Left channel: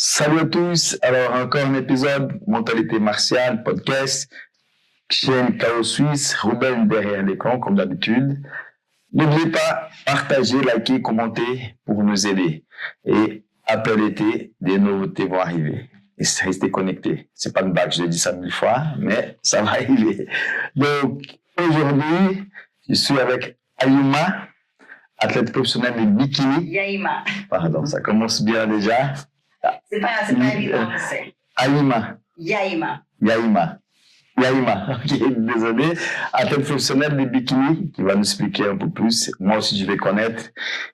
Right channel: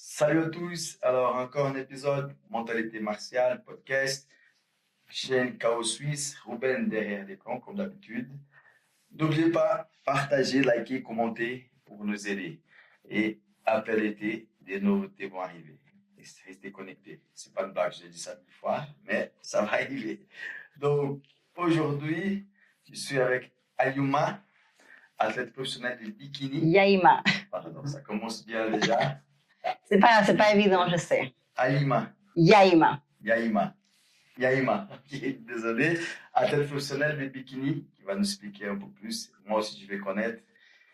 Salut à tous, alors encore un épisode Mentalité martiale, podcast, chaîne Chaos Suisse, Ruben derrière l'écran comme d'habitude. N'oubliez pas, partager, liker, commenter pour nous aider. Et après l'été, des nouveautés vont arriver. Et restez connectés. C'est pas une blague, je l'ai dit ça 1000 fois, mais ça va arriver. Donc, aujourd'hui, je suis avec Ayouma, athlète professionnelle de bikini. Yaïma. Pardon, ça commence bien déjà. C'est pas évident, je sais. Aïma. Yaïma. Ok, désolé. Athlète professionnel de bikini qui va nous expliquer un peu plus. Moi aussi, je vais connaître.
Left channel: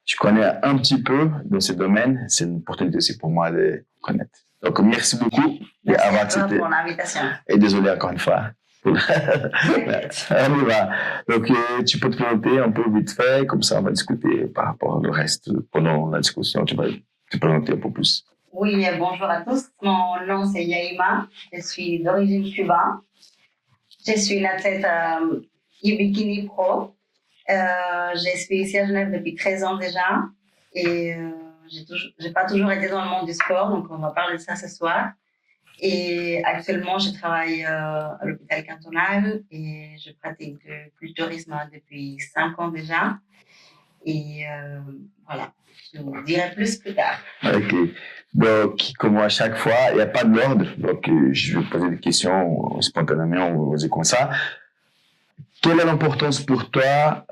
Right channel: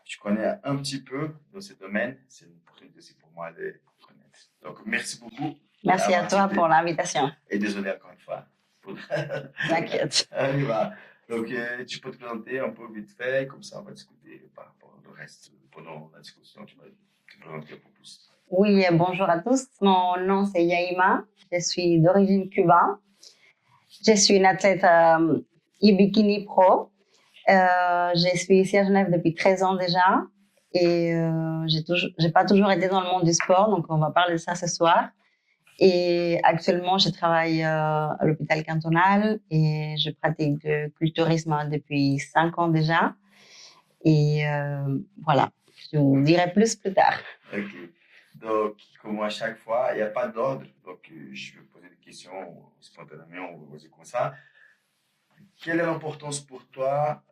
Je connais un petit peu dans ce domaine. C'est une opportunité aussi pour moi de connaître. Donc, merci beaucoup. Merci à toi pour l'invitation. Et désolé encore une fois. T'inquiète. On y va. Donc, tu peux te présenter un peu vite fait. Comme ça, on va discuter par rapport au reste. Pendant la discussion, tu vas te présenter un peu plus. Oui, bonjour à tous. Mon nom, c'est Yaïma. Je suis d'origine cubaine. Je suis une athlète e-bikini pro. Je suis ici à Genève depuis 13 ans déjà. Et j'ai pas toujours été dans le monde du sport, donc on va parler de ça ce soir. Et actuellement, je travaille à l'hôpital cantonal et je pratique le culturisme depuis 5 ans déjà. Et voilà, je vous dirai plus tard. Ok. Donc, comme à chaque fois, il n'y a pas de l'ordre. Donc, je vais poser des questions spontanément, on va dire comme ça. Quelle est l'importance pour toi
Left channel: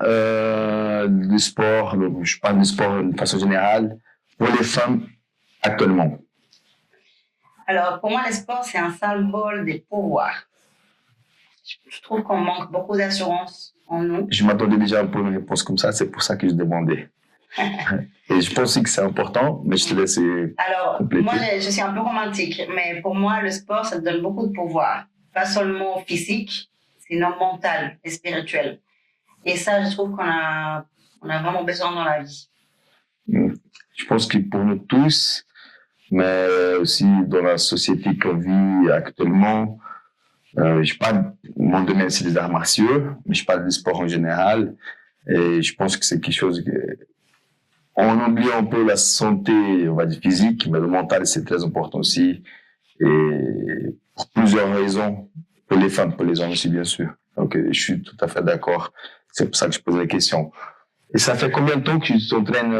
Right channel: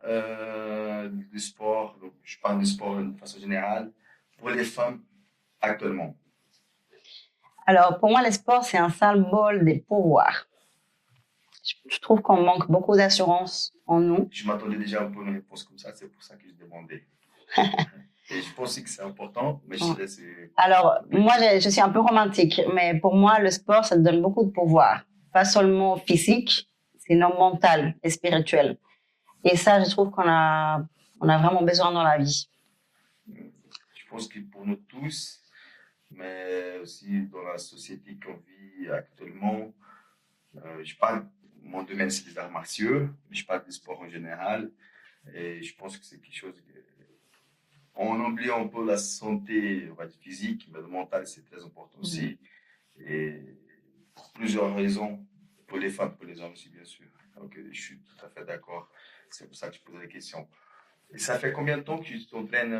du sport, je parle du sport de façon générale, pour les femmes actuellement? Alors, pour moi, le sport, c'est un symbole des pouvoirs. Je trouve qu'on manque beaucoup d'assurance en nous. Je m'attendais déjà un peu à une réponse comme ça, c'est pour ça que je demandais. Et je pense aussi que c'est important, mais je te laisse. Alors, compléter. moi, je suis un peu romantique, mais pour moi, le sport, ça te donne beaucoup de pouvoir. Pas seulement physique, sinon mental et spirituel. Et ça, je trouve qu'on a vraiment besoin dans la vie. Je pense que pour nous tous, mais aussi dans la société qu'on vit actuellement, je parle, mon domaine c'est les arts martiaux, mais je parle du sport en général, et je pense que c'est quelque chose que, on oublie un peu la santé, on va dire physique, mais le mental c'est très important aussi, et pour plusieurs raisons, pour les femmes, pour les hommes aussi bien sûr. Donc je suis tout à fait d'accord, c'est pour ça que je pose la question. Et ça fait combien de temps que tu t'entraînes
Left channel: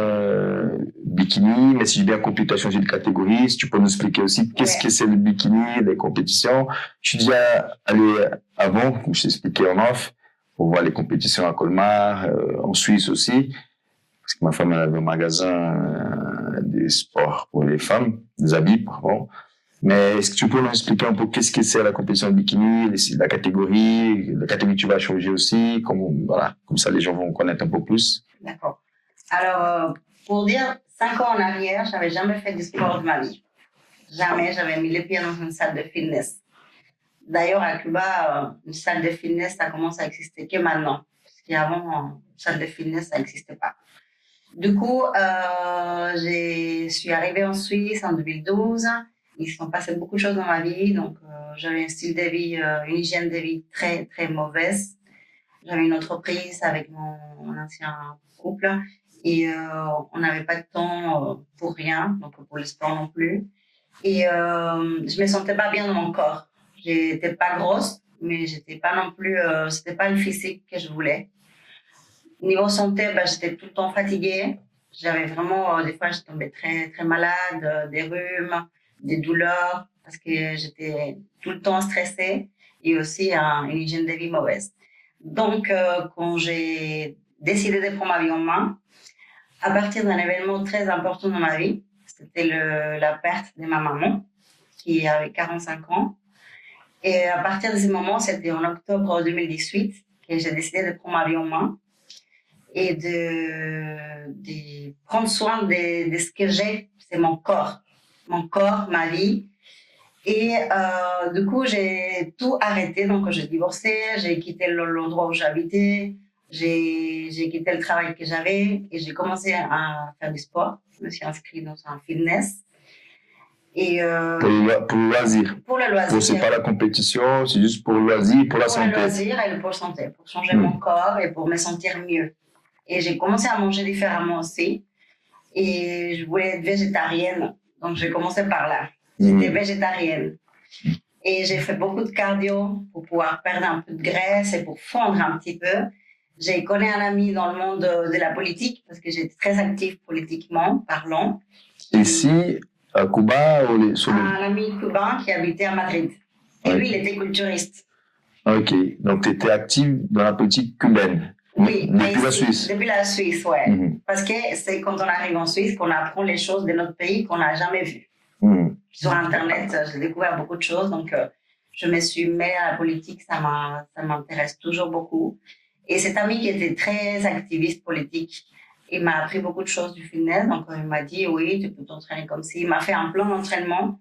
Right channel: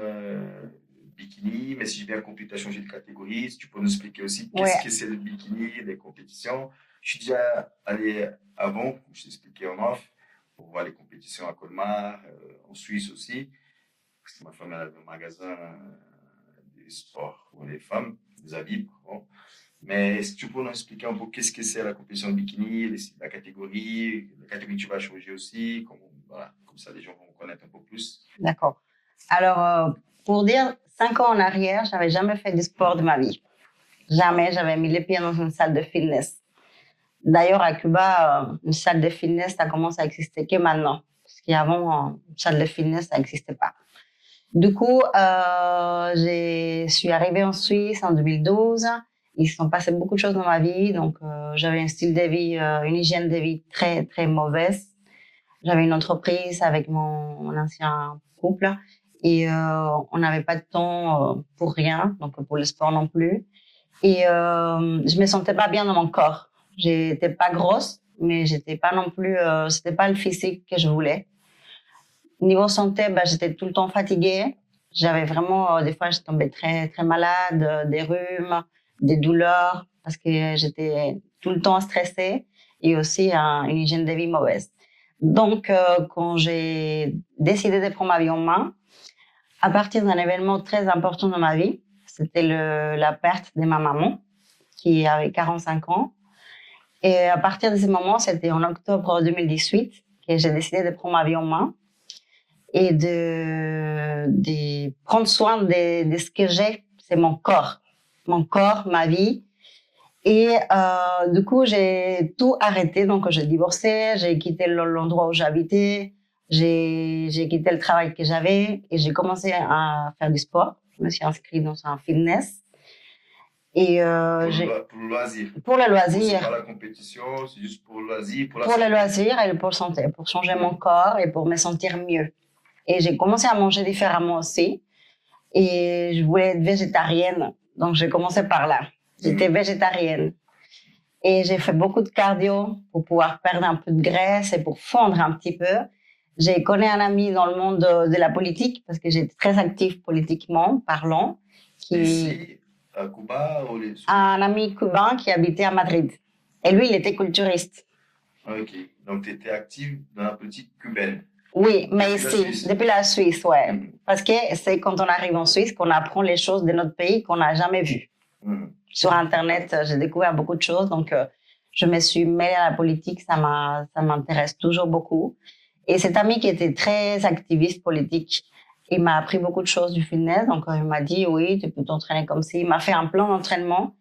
bikini? Mais si j'ai bien compris, tu as changé de catégorie. Si tu peux nous expliquer aussi qu'est-ce que c'est le bikini, les compétitions. Je suis déjà allé avant, comme je t'ai expliqué en off, pour voir les compétitions à Colmar, en Suisse aussi. Parce que ma femme elle avait un magasin des sports pour les femmes, des habits, pardon. Mais est-ce que tu peux nous expliquer un peu qu'est-ce que c'est la compétition de bikini, la catégorie que tu vas changer aussi, voilà, comme ça les gens vont connaître un peu plus. D'accord. Alors, pour dire 5 ans en arrière, j'avais jamais fait du sport de ma vie. Jamais j'avais mis les pieds dans une salle de fitness. D'ailleurs, à Cuba, une salle de fitness, ça commence à exister que maintenant. Parce qu'avant, une salle de fitness, ça n'existait pas. Du coup, je suis arrivée en Suisse en 2012. Il se sont passé beaucoup de choses dans ma vie. Donc, j'avais un style de vie, une hygiène de vie très, très mauvaise. J'avais une entreprise avec mon ancien couple et on n'avait pas de temps pour rien, donc pour le sport non plus. Et je me sentais pas bien dans mon corps. J'étais pas grosse, mais j'étais pas non plus, c'était pas le physique que je voulais. Niveau santé, j'étais tout le temps fatiguée. J'avais vraiment, des fois, je tombais très, très malade, des rhumes, des douleurs, parce que j'étais tout le temps stressée et aussi une hygiène de vie mauvaise. Donc, quand j'ai décidé de prendre ma vie en main, à partir d'un événement très important dans ma vie, c'était la perte de ma maman, qui avait 45 ans. Et à partir de ce moment, c'était en octobre 2018 que j'ai décidé de prendre ma vie en main et de prendre soin de ce que j'ai, c'est mon corps, ma vie. Et du coup, j'ai tout arrêté. Donc, j'ai divorcé, j'ai quitté l'endroit où j'habitais, j'ai quitté le travail que j'avais et j'ai commencé à faire du sport. Je me suis inscrite dans un fitness. Et pour le loisir. Pour le loisir. C'est pas la compétition, c'est juste pour le loisir, pour la santé. Pour le loisir et pour la santé, pour changer mon corps et pour me sentir mieux. Et j'ai commencé à manger différemment aussi. Et je voulais être végétarienne. Donc, j'ai commencé par là. J'étais végétarienne. Et j'ai fait beaucoup de cardio pour pouvoir perdre un peu de graisse et pour fondre un petit peu. J'ai connu un ami dans le monde de la politique parce que j'étais très active politiquement parlant. Ici, à Cuba ou un ami cubain qui habitait à Madrid. Et lui, il était culturiste. Ok, donc tu étais active dans la politique cubaine. Oui, mais depuis ici, la Suisse. Depuis la Suisse, ouais. Parce que c'est quand on arrive en Suisse qu'on apprend les choses de notre pays qu'on n'a jamais vues. Sur Internet, j'ai découvert beaucoup de choses, donc je me suis mêlée à la politique, ça m'intéresse toujours beaucoup. Et cet ami qui était très activiste politique, il m'a appris beaucoup de choses du fitness, donc il m'a dit oui, tu peux t'entraîner comme ci. Il m'a fait un plan d'entraînement,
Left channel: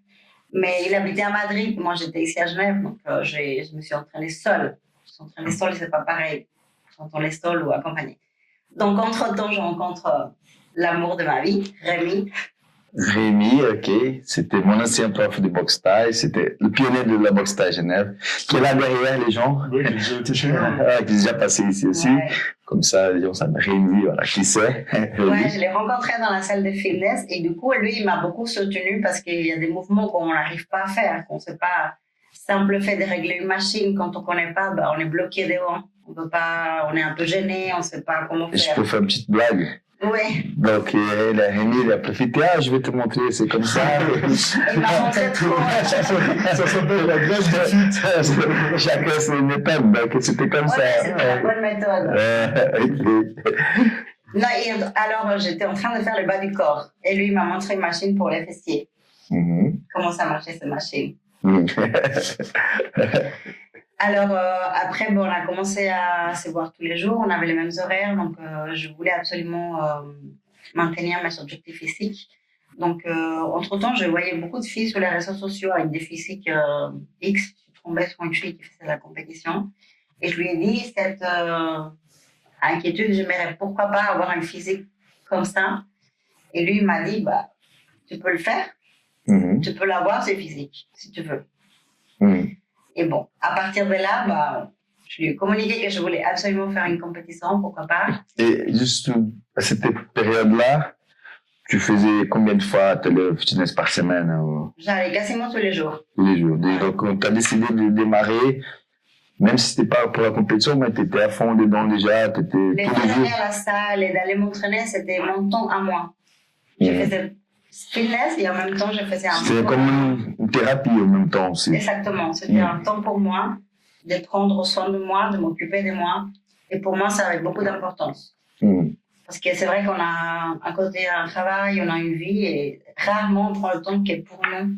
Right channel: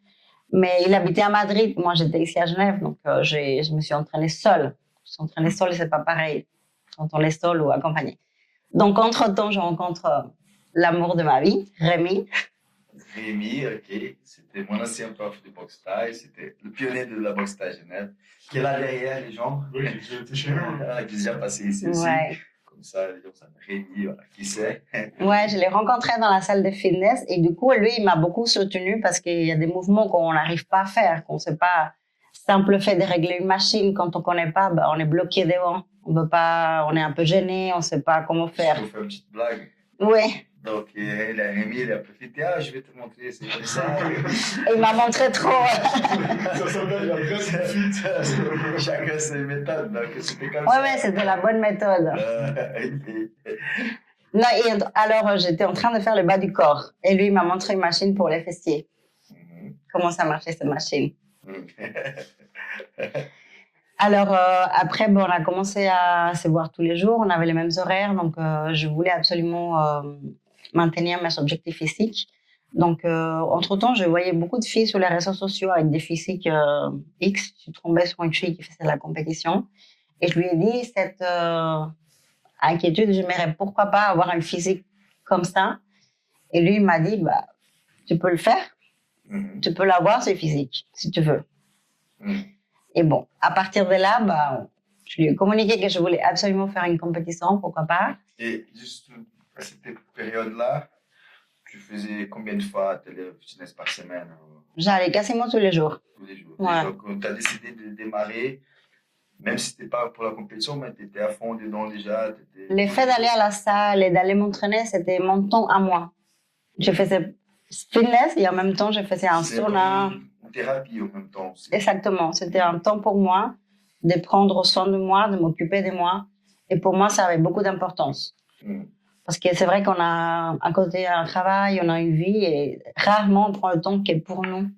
mais il habitait à Madrid, moi j'étais ici à Genève, donc je me suis entraînée seule. Je suis entraînée seule, c'est pas pareil quand on est seul ou accompagné. Donc entre-temps, je rencontre l'amour de ma vie, Rémi. Rémi, ok, c'était mon ancien prof de boxe thaï, c'était le pionnier de la boxe thaï Genève, qui est là derrière les gens. Oui, qui a déjà été chez moi. Qui est déjà passé ici aussi. Comme ça, les gens savent Rémi, voilà, qui c'est. Ouais, je l'ai rencontré dans la salle de fitness et du coup, lui, il m'a beaucoup soutenu parce qu'il y a des mouvements qu'on n'arrive pas à faire, qu'on ne sait pas. Simple fait de régler une machine, quand on ne connaît pas, on est bloqué devant. On veut pas, on est un peu gêné, on ne sait pas comment faire. Je peux faire une petite blague. Oui. Donc, Rémi, il a profité. Ah, je vais te montrer, c'est comme ça. Il m'a montré trop. Ça s'appelle la graisse du fit. Chacun ses méthodes, donc c'était comme ça. Oui, c'était la bonne méthode. Non, et alors, j'étais en train de faire le bas du corps. Et lui, il m'a montré une machine pour les fessiers. Comment ça marchait, cette machine. Alors, après, on a commencé à se voir tous les jours. On avait les mêmes horaires. Donc, je voulais absolument maintenir mes objectifs physiques. Donc, entre-temps, je voyais beaucoup de filles sur les réseaux sociaux avec des physiques X. Je suis tombée sur une fille qui faisait de la compétition. Et je lui ai dit cette inquiétude. J'aimerais pourquoi pas avoir un physique comme ça. Et lui, il m'a dit, tu peux le faire. Tu peux l'avoir, ce physique, si tu veux. Et bon, à partir de là, je lui ai communiqué que je voulais absolument faire une compétition, pourquoi pas. Et juste à cette période-là, tu faisais combien de fois le fitness par semaine? J'allais quasiment tous les jours. Tous les jours. Ouais. Donc, tu as décidé de démarrer, même si ce n'était pas pour la compétition, mais tu étais à fond dedans déjà. Le fait d'aller à la salle et d'aller m'entraîner, c'était mon temps à moi. Je faisais fitness et en même temps, je faisais un sauna. C'était comme une thérapie en même temps aussi. Exactement. C'était un temps pour moi de prendre soin de moi, de m'occuper de moi. Et pour moi, ça avait beaucoup d'importance. Parce que c'est vrai qu'on a à côté un travail, on a une vie et rarement on prend le temps qui est pour nous,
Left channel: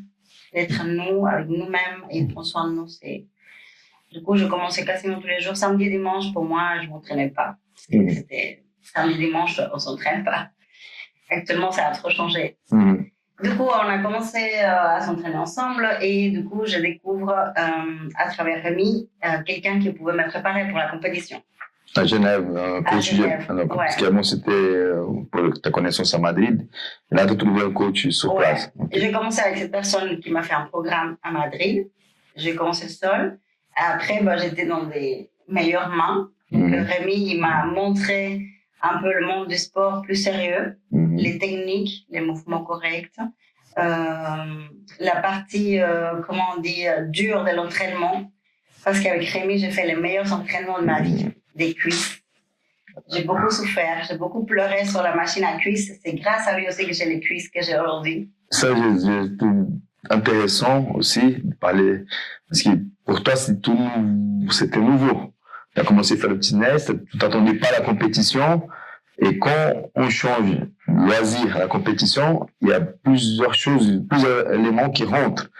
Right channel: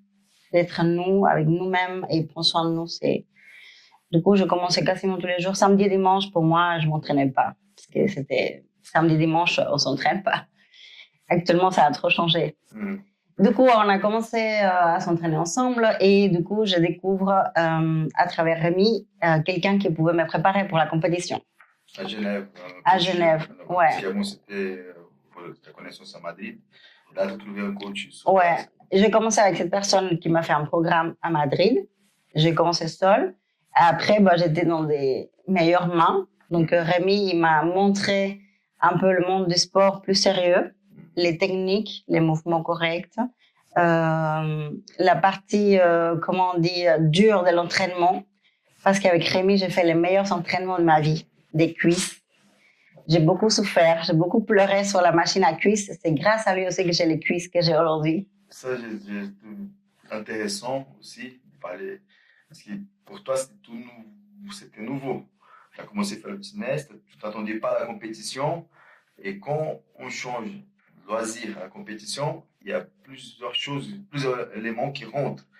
d'être nous, avec nous-mêmes et prendre soin de nous. Du coup, je commençais quasiment tous les jours. Samedi et dimanche, pour moi, je ne m'entraînais pas. C'était samedi et dimanche, on ne s'entraîne pas. Actuellement, ça a trop changé. Du coup, on a commencé à s'entraîner ensemble et du coup, je découvre à travers Rémi quelqu'un qui pouvait me préparer pour la compétition. À Genève. À Genève, Parce qu'avant, c'était pour ta connaissance à Madrid. Et là, tu as trouvé un coach sur place. Et j'ai commencé avec cette personne qui m'a fait un programme à Madrid. J'ai commencé seule. Après, j'étais dans des meilleures mains. Donc, Rémi, il m'a montré un peu le monde du sport plus sérieux, les techniques, les mouvements corrects, la partie, comment on dit, dure de l'entraînement. Parce qu'avec Rémi, j'ai fait les meilleurs entraînements de ma vie, des cuisses. J'ai beaucoup souffert, j'ai beaucoup pleuré sur la machine à cuisses. C'est grâce à lui aussi que j'ai les cuisses que j'ai aujourd'hui. Ça, j'ai trouvé intéressant aussi de parler, parce que pour toi, c'était nouveau. Tu as commencé à faire le fitness, tu t'attendais pas à la compétition. Et quand on change loisir à la compétition, il y a plusieurs choses, plusieurs éléments qui rentrent.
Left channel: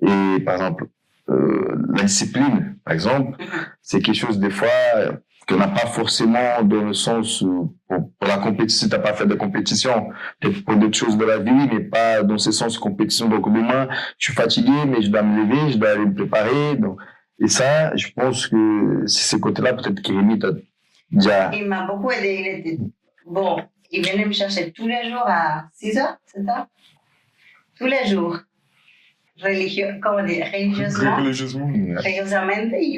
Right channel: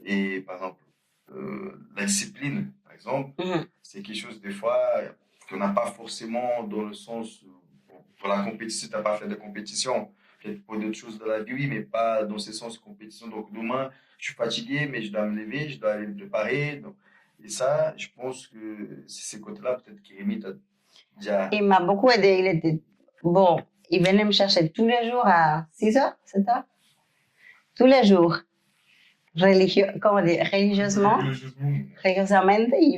Et par exemple, la discipline, par exemple, c'est quelque chose des fois qu'on n'a pas forcément dans le sens pour la compétition. Si tu n'as pas fait de compétition, peut-être pour d'autres choses de la vie, mais pas dans ce sens de compétition. Donc demain, je suis fatigué, mais je dois me lever, je dois aller me préparer. Donc, et ça, je pense que c'est ce côté-là, peut-être que Rémi t'a déjà... Il m'a beaucoup aidé. Il était bon. Il venait me chercher tous les jours à 6h, 7h. Tous les jours. Religieusement, il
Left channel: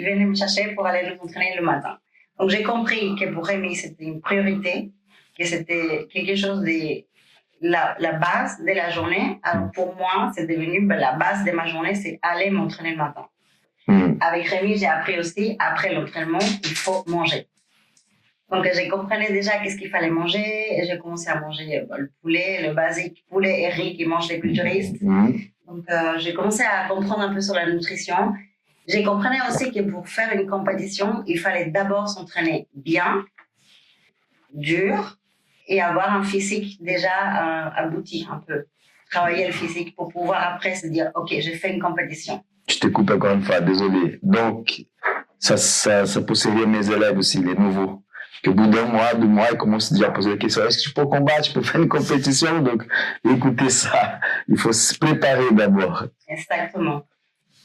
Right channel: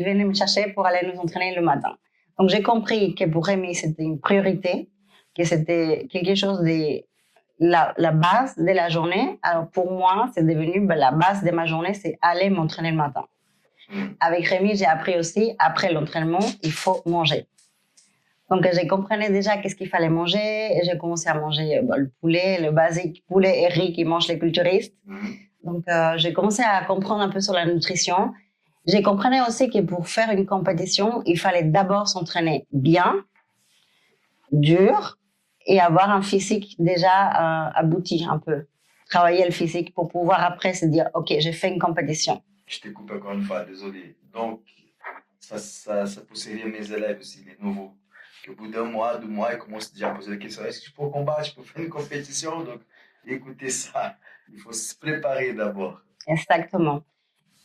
venait me chercher pour aller nous entraîner le matin. Donc j'ai compris que pour Rémi, c'était une priorité, que c'était quelque chose la base de la journée. Alors pour moi, c'est devenu la base de ma journée, c'est aller m'entraîner le matin. Avec Rémi, j'ai appris aussi, après l'entraînement, il faut manger. Donc, j'ai compris déjà qu'est-ce qu'il fallait manger. Et j'ai commencé à manger le poulet, le basique, poulet et riz qui mangent les culturistes. Donc, j'ai commencé à comprendre un peu sur la nutrition. J'ai compris aussi que pour faire une compétition, il fallait d'abord s'entraîner bien, dur, et avoir un physique déjà abouti un peu. Travailler le physique pour pouvoir après se dire, OK, j'ai fait une compétition. Je te coupe encore une fois, désolé. Donc, ça peut servir mes élèves aussi, les nouveaux. Qu'au bout d'un mois, 2 mois, ils commencent déjà à poser la question, est-ce que je peux combattre, je peux faire une compétition? Donc, écoutez ça, il faut se préparer d'abord. Exactement.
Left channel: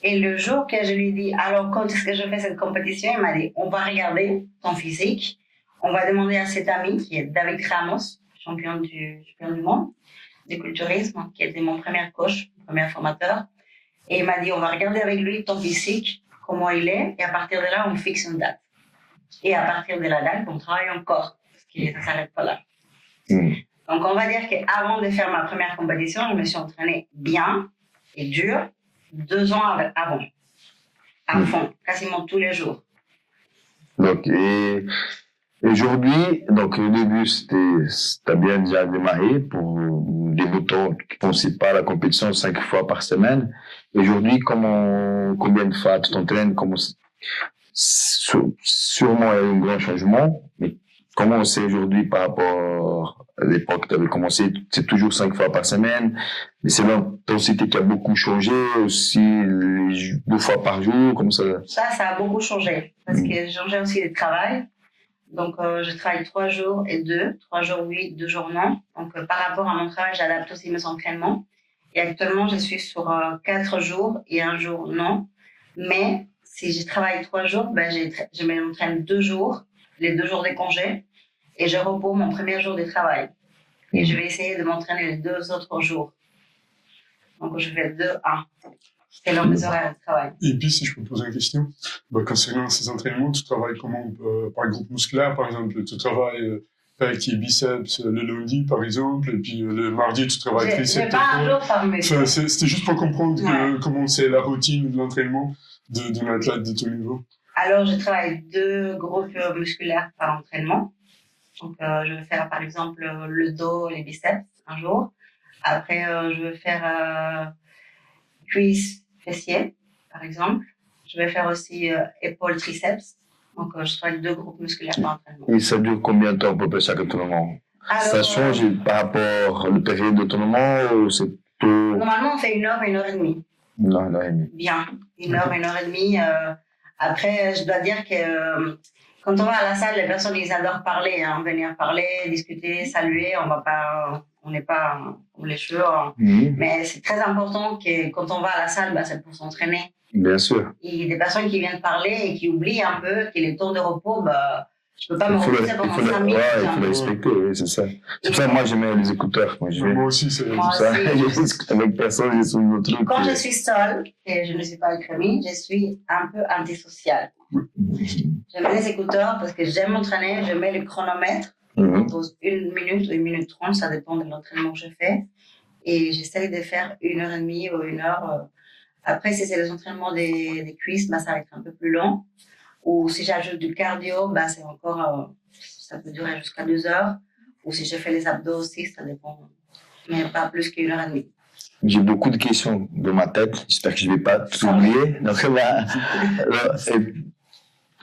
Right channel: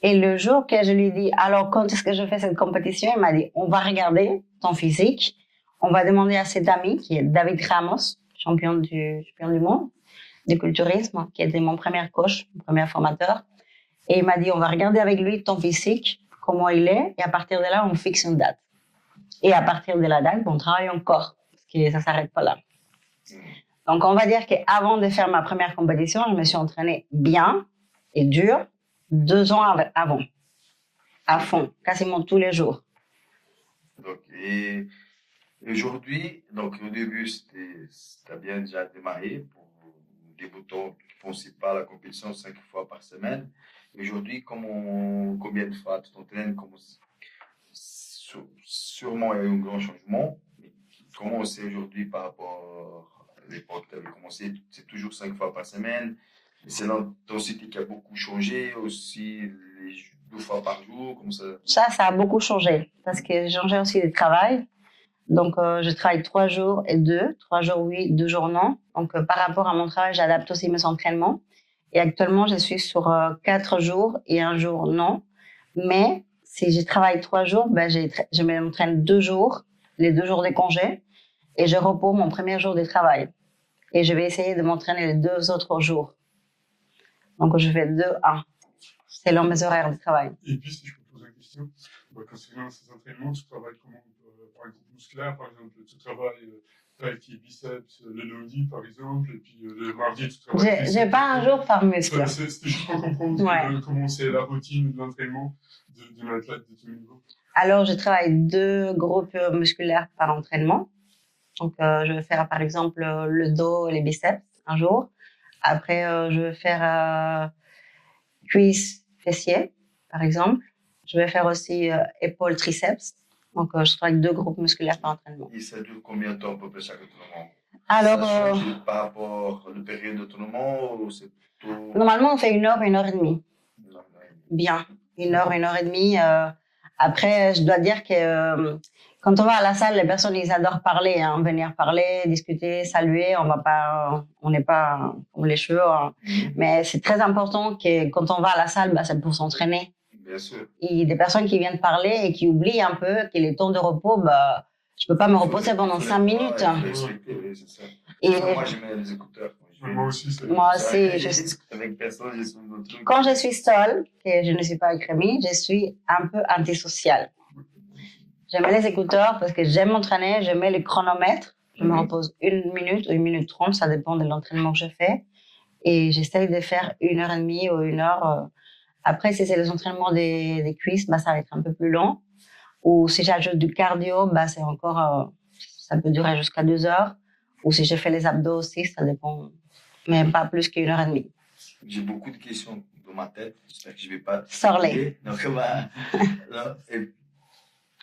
Et le jour que je lui dis, alors quand est-ce que je fais cette compétition, il m'a dit, on va regarder ton physique, on va demander à cet ami qui est David Ramos, champion du monde du culturisme, qui était mon premier coach, mon premier formateur. Et il m'a dit, on va regarder avec lui ton physique, comment il est, et à partir de là, on fixe une date. Et à partir de la date, on travaille encore, parce que ça ne s'arrête pas là. Donc, on va dire qu'avant de faire ma première compétition, je me suis entraînée bien et dur 2 ans avant, à fond, quasiment tous les jours. Donc, et aujourd'hui, donc au début, t'as bien déjà démarré pour des boutons qui ne pensent pas à la compétition 5 fois par semaine. Aujourd'hui, combien de fois tu t'entraînes? Sûrement, il y a eu un grand changement, mais comment c'est aujourd'hui par rapport à l'époque tu avais commencé? C'est toujours 5 fois par semaine, mais c'est l'intensité qui a beaucoup changé, aussi 2 fois par jour, comme ça? Ça a beaucoup changé, parce que j'ai changé aussi de travail. Donc, je travaille 3 jours et 2, 3 jours oui, 2 jours non. Donc, par rapport à mon travail, j'adapte aussi mes entraînements. Et actuellement, je suis sur 4 jours et 1 jour non. Mais si je travaille 3 jours, je m'entraîne 2 jours, les 2 jours de congé, et je repose mon premier jour de travail. Et je vais essayer de m'entraîner les 2 autres jours. Donc, je fais 2-1. C'est leur mes horaires de travail. Et puis, si je peux poser une question, concernant ces entraînements, tu travailles comment par groupe musculaire, par exemple? Tu travailles pec et biceps le lundi, par exemple, et puis le mardi, tu travailles triceps. J'ai pas un jour par muscle. C'était juste pour comprendre comment c'est la routine de l'entraînement d'un athlète de ton niveau. Alors, je travaille 2 groupes musculaires par entraînement. Donc, je vais faire, par exemple, le dos et les biceps un jour. Après, je vais faire cuisses, fessiers, par exemple. Je vais faire aussi épaules, triceps. Donc, je travaille 2 groupes musculaires par entraînement. Et ça dure combien de temps à peu près chaque entraînement? Alors, ça change par rapport à la période d'entraînement ou c'est tout... Normalement, on fait 1 heure, 1 heure et demie. 1 heure, 1 heure et demie. Bien, 1 heure, 1 heure et demie. Après, je dois dire que quand on va à la salle, les personnes, ils adorent parler, venir parler, discuter, saluer. On n'est pas comme les cheveux. Mais c'est très important que quand on va à la salle, c'est pour s'entraîner. Bien sûr. Il y a des personnes qui viennent parler et qui oublient un peu que les temps de repos, je peux pas me reposer pendant 5 minutes. Il faut le respecter, oui, c'est ça. C'est pour ça que moi, je mets les écouteurs. Moi aussi, c'est moi ça. aussi. Je discute avec personne, je suis mon truc. Quand je suis seule et je ne suis pas avec Rémi, je suis un peu antisociale. Je mets les écouteurs parce que j'aime m'entraîner, je mets le chronomètre. Je me repose 1 minute ou 1 minute 30, ça dépend de l'entraînement que je fais. Et j'essaye de faire 1 heure et demie ou 1 heure. Après, si c'est les entraînements des cuisses, ça va être un peu plus long. Ou si j'ajoute du cardio, c'est encore, ça peut durer jusqu'à 2 heures. Ou si je fais les abdos aussi, ça dépend, mais pas plus qu'1 heure et demie. J'ai beaucoup de questions dans ma tête. J'espère que je ne vais pas tout oublier. Donc,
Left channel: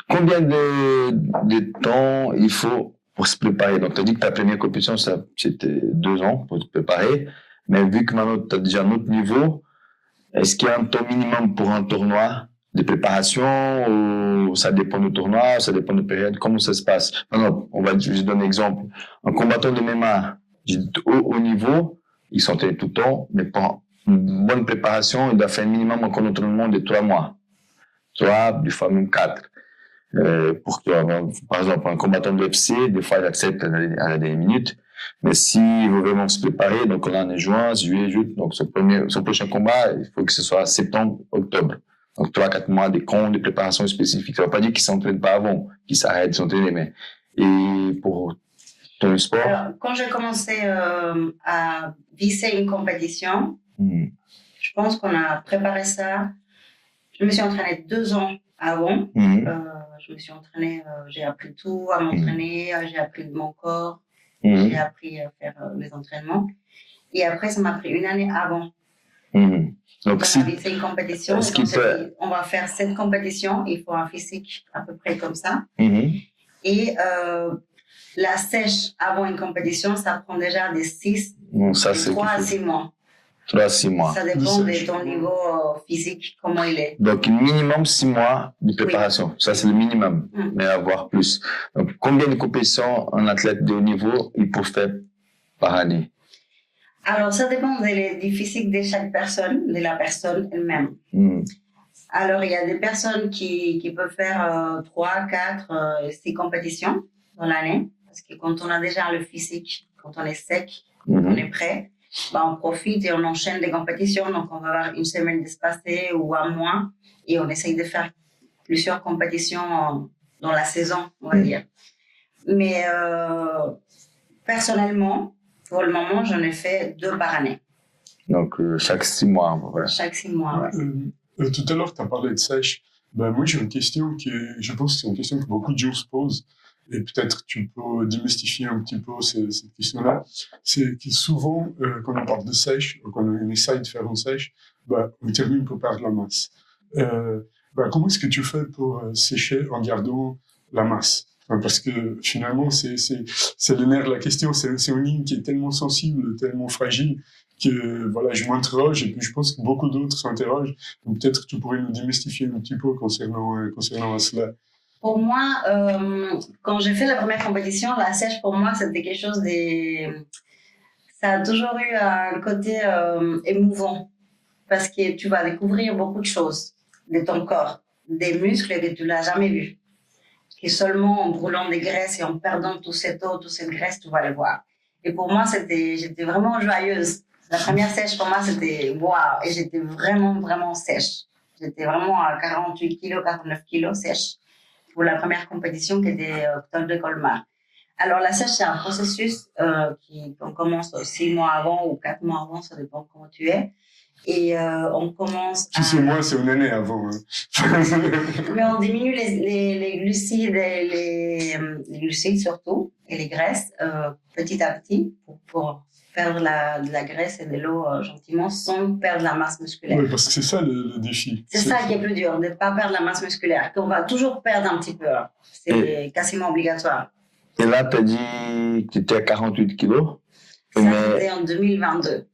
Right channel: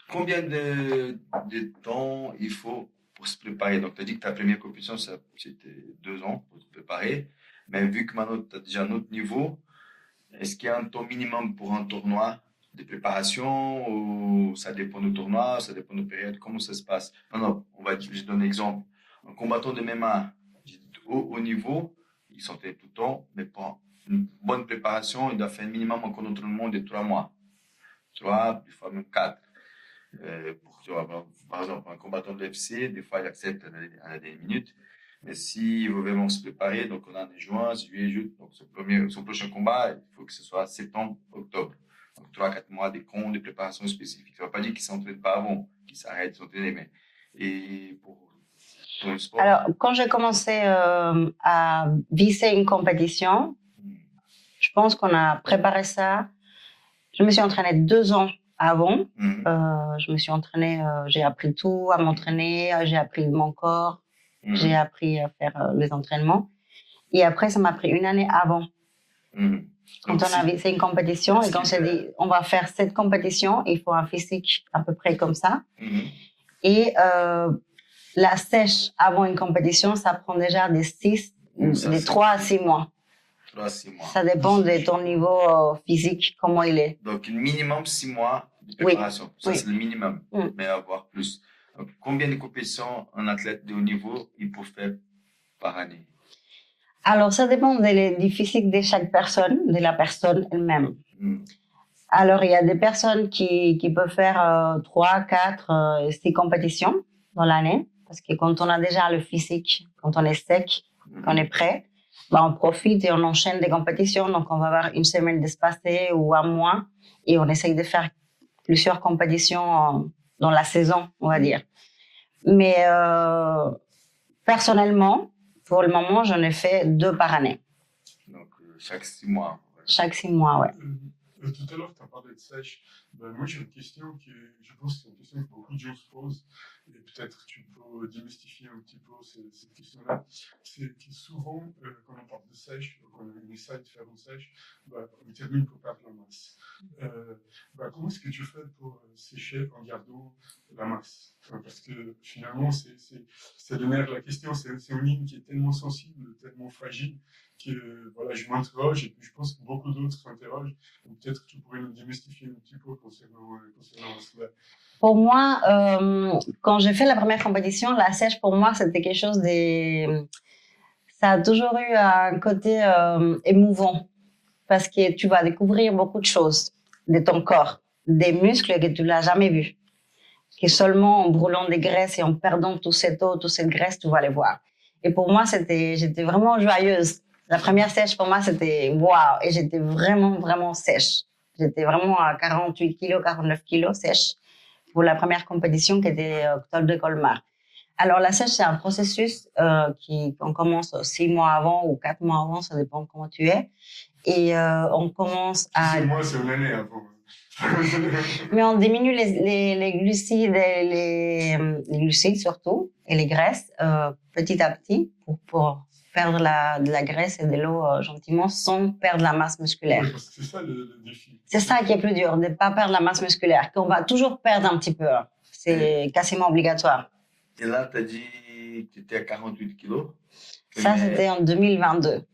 combien de temps il faut pour se préparer? Donc, tu as dit que ta première compétition, c'était 2 ans pour te préparer. Mais vu que maintenant, tu as déjà un autre niveau, est-ce qu'il y a un temps minimum pour un tournoi de préparation ou ça dépend du tournoi, ça dépend de la période? Comment ça se passe? Non, je donne un exemple. Un combattant de MMA au haut niveau, il s'entraîne tout le temps, mais pour une bonne préparation, il doit faire un minimum un entraînement de 3 mois. 3, des fois même 4. Pour que, par exemple, un combattant de UFC, des fois, il accepte à la dernière minute. Mais s'il veut vraiment se préparer, donc là, on est juin, juillet, août, donc son prochain combat, il faut que ce soit septembre, octobre. Donc 3-4 mois de préparation spécifique. Ça ne veut pas dire qu'il ne s'entraîne pas avant, qu'il s'arrête de s'entraîner, mais et pour dans le sport? Alors, quand j'ai commencé à viser une compétition, je pense qu'on a préparé ça. Je me suis entraînée 2 ans avant. Je me suis entraînée, j'ai appris tout à m'entraîner, j'ai appris de mon corps, j'ai appris à faire les entraînements. Et après, ça m'a pris 1 année avant. Quand on a visé une compétition, et on s'est dit, on va faire cette compétition, il faut un physique à peu près comme ça. Et la sèche avant une compétition, ça prend déjà des 3 à 6 mois. 3 à 6 mois. Ça dépend de ton niveau physique, comment il est. Donc, minimum 6 mois de préparation. Oui. Ça, c'est le minimum, mais avoir plus. Donc, combien de compétitions un athlète de haut niveau il peut faire par année? Alors, ça dépend du physique de chaque personne, de la personne elle-même. Alors, il y a des personnes qui peuvent faire 3, 4, 6 compétitions dans l'année. Parce que quand on a déjà le physique, quand on est sec, on est prêt, bah, on profite et on enchaîne des compétitions. Donc, on va avoir 1 semaine d'espacé ou 1 mois et on essaye de faire plusieurs compétitions dans la saison, on va dire. Mais personnellement, pour le moment, j'en ai fait 2 par année. Donc, chaque 6 mois, voilà. Chaque 6 mois, oui. Tout à l'heure, tu as parlé de sèche. Ben, moi, j'ai une question je pense que c'est une question que beaucoup de gens se posent. Et peut-être tu peux démystifier un petit peu cette question-là. C'est que souvent, quand on parle de sèche, quand on essaye de faire une sèche, ben, on termine par perdre la masse. Ben, comment est-ce que tu fais pour sécher en gardant la masse? Enfin, parce que finalement, c'est le nerf de la question. C'est une ligne qui est tellement sensible, tellement fragile, que voilà, je m'interroge et puis je pense que beaucoup d'autres s'interrogent. Donc peut-être tu pourrais nous démystifier un petit peu concernant cela. Pour moi, quand j'ai fait la première compétition, la sèche, pour moi, c'était quelque chose de... Ça a toujours eu un côté émouvant parce que tu vas découvrir beaucoup de choses de ton corps, des muscles que tu n'as jamais vus. Que seulement en brûlant des graisses et en perdant toute cette eau, toute cette graisse, tu vas les voir. Et pour moi, j'étais vraiment joyeuse. La première sèche, pour moi, c'était waouh. Et j'étais vraiment, vraiment sèche. J'étais vraiment à 48 kilos, 49 kilos sèche pour la première compétition qui était Col de Colmar. Alors, la sèche, c'est un processus qu'on commence 6 mois avant ou 4 mois avant, ça dépend de comment tu es. Et on commence à... 6 mois, c'est 1 année avant. Mais on diminue les glucides, les glucides surtout, et les graisses petit à petit pour perdre de la graisse et de l'eau gentiment sans perdre la masse musculaire. Oui, parce que c'est ça le défi. C'est ça qui est plus dur, de ne pas perdre la masse musculaire, qu'on va toujours perdre un petit peu. C'est quasiment obligatoire. Et là, tu as dit que tu étais à 48 kilos? Ça, c'était en 2022.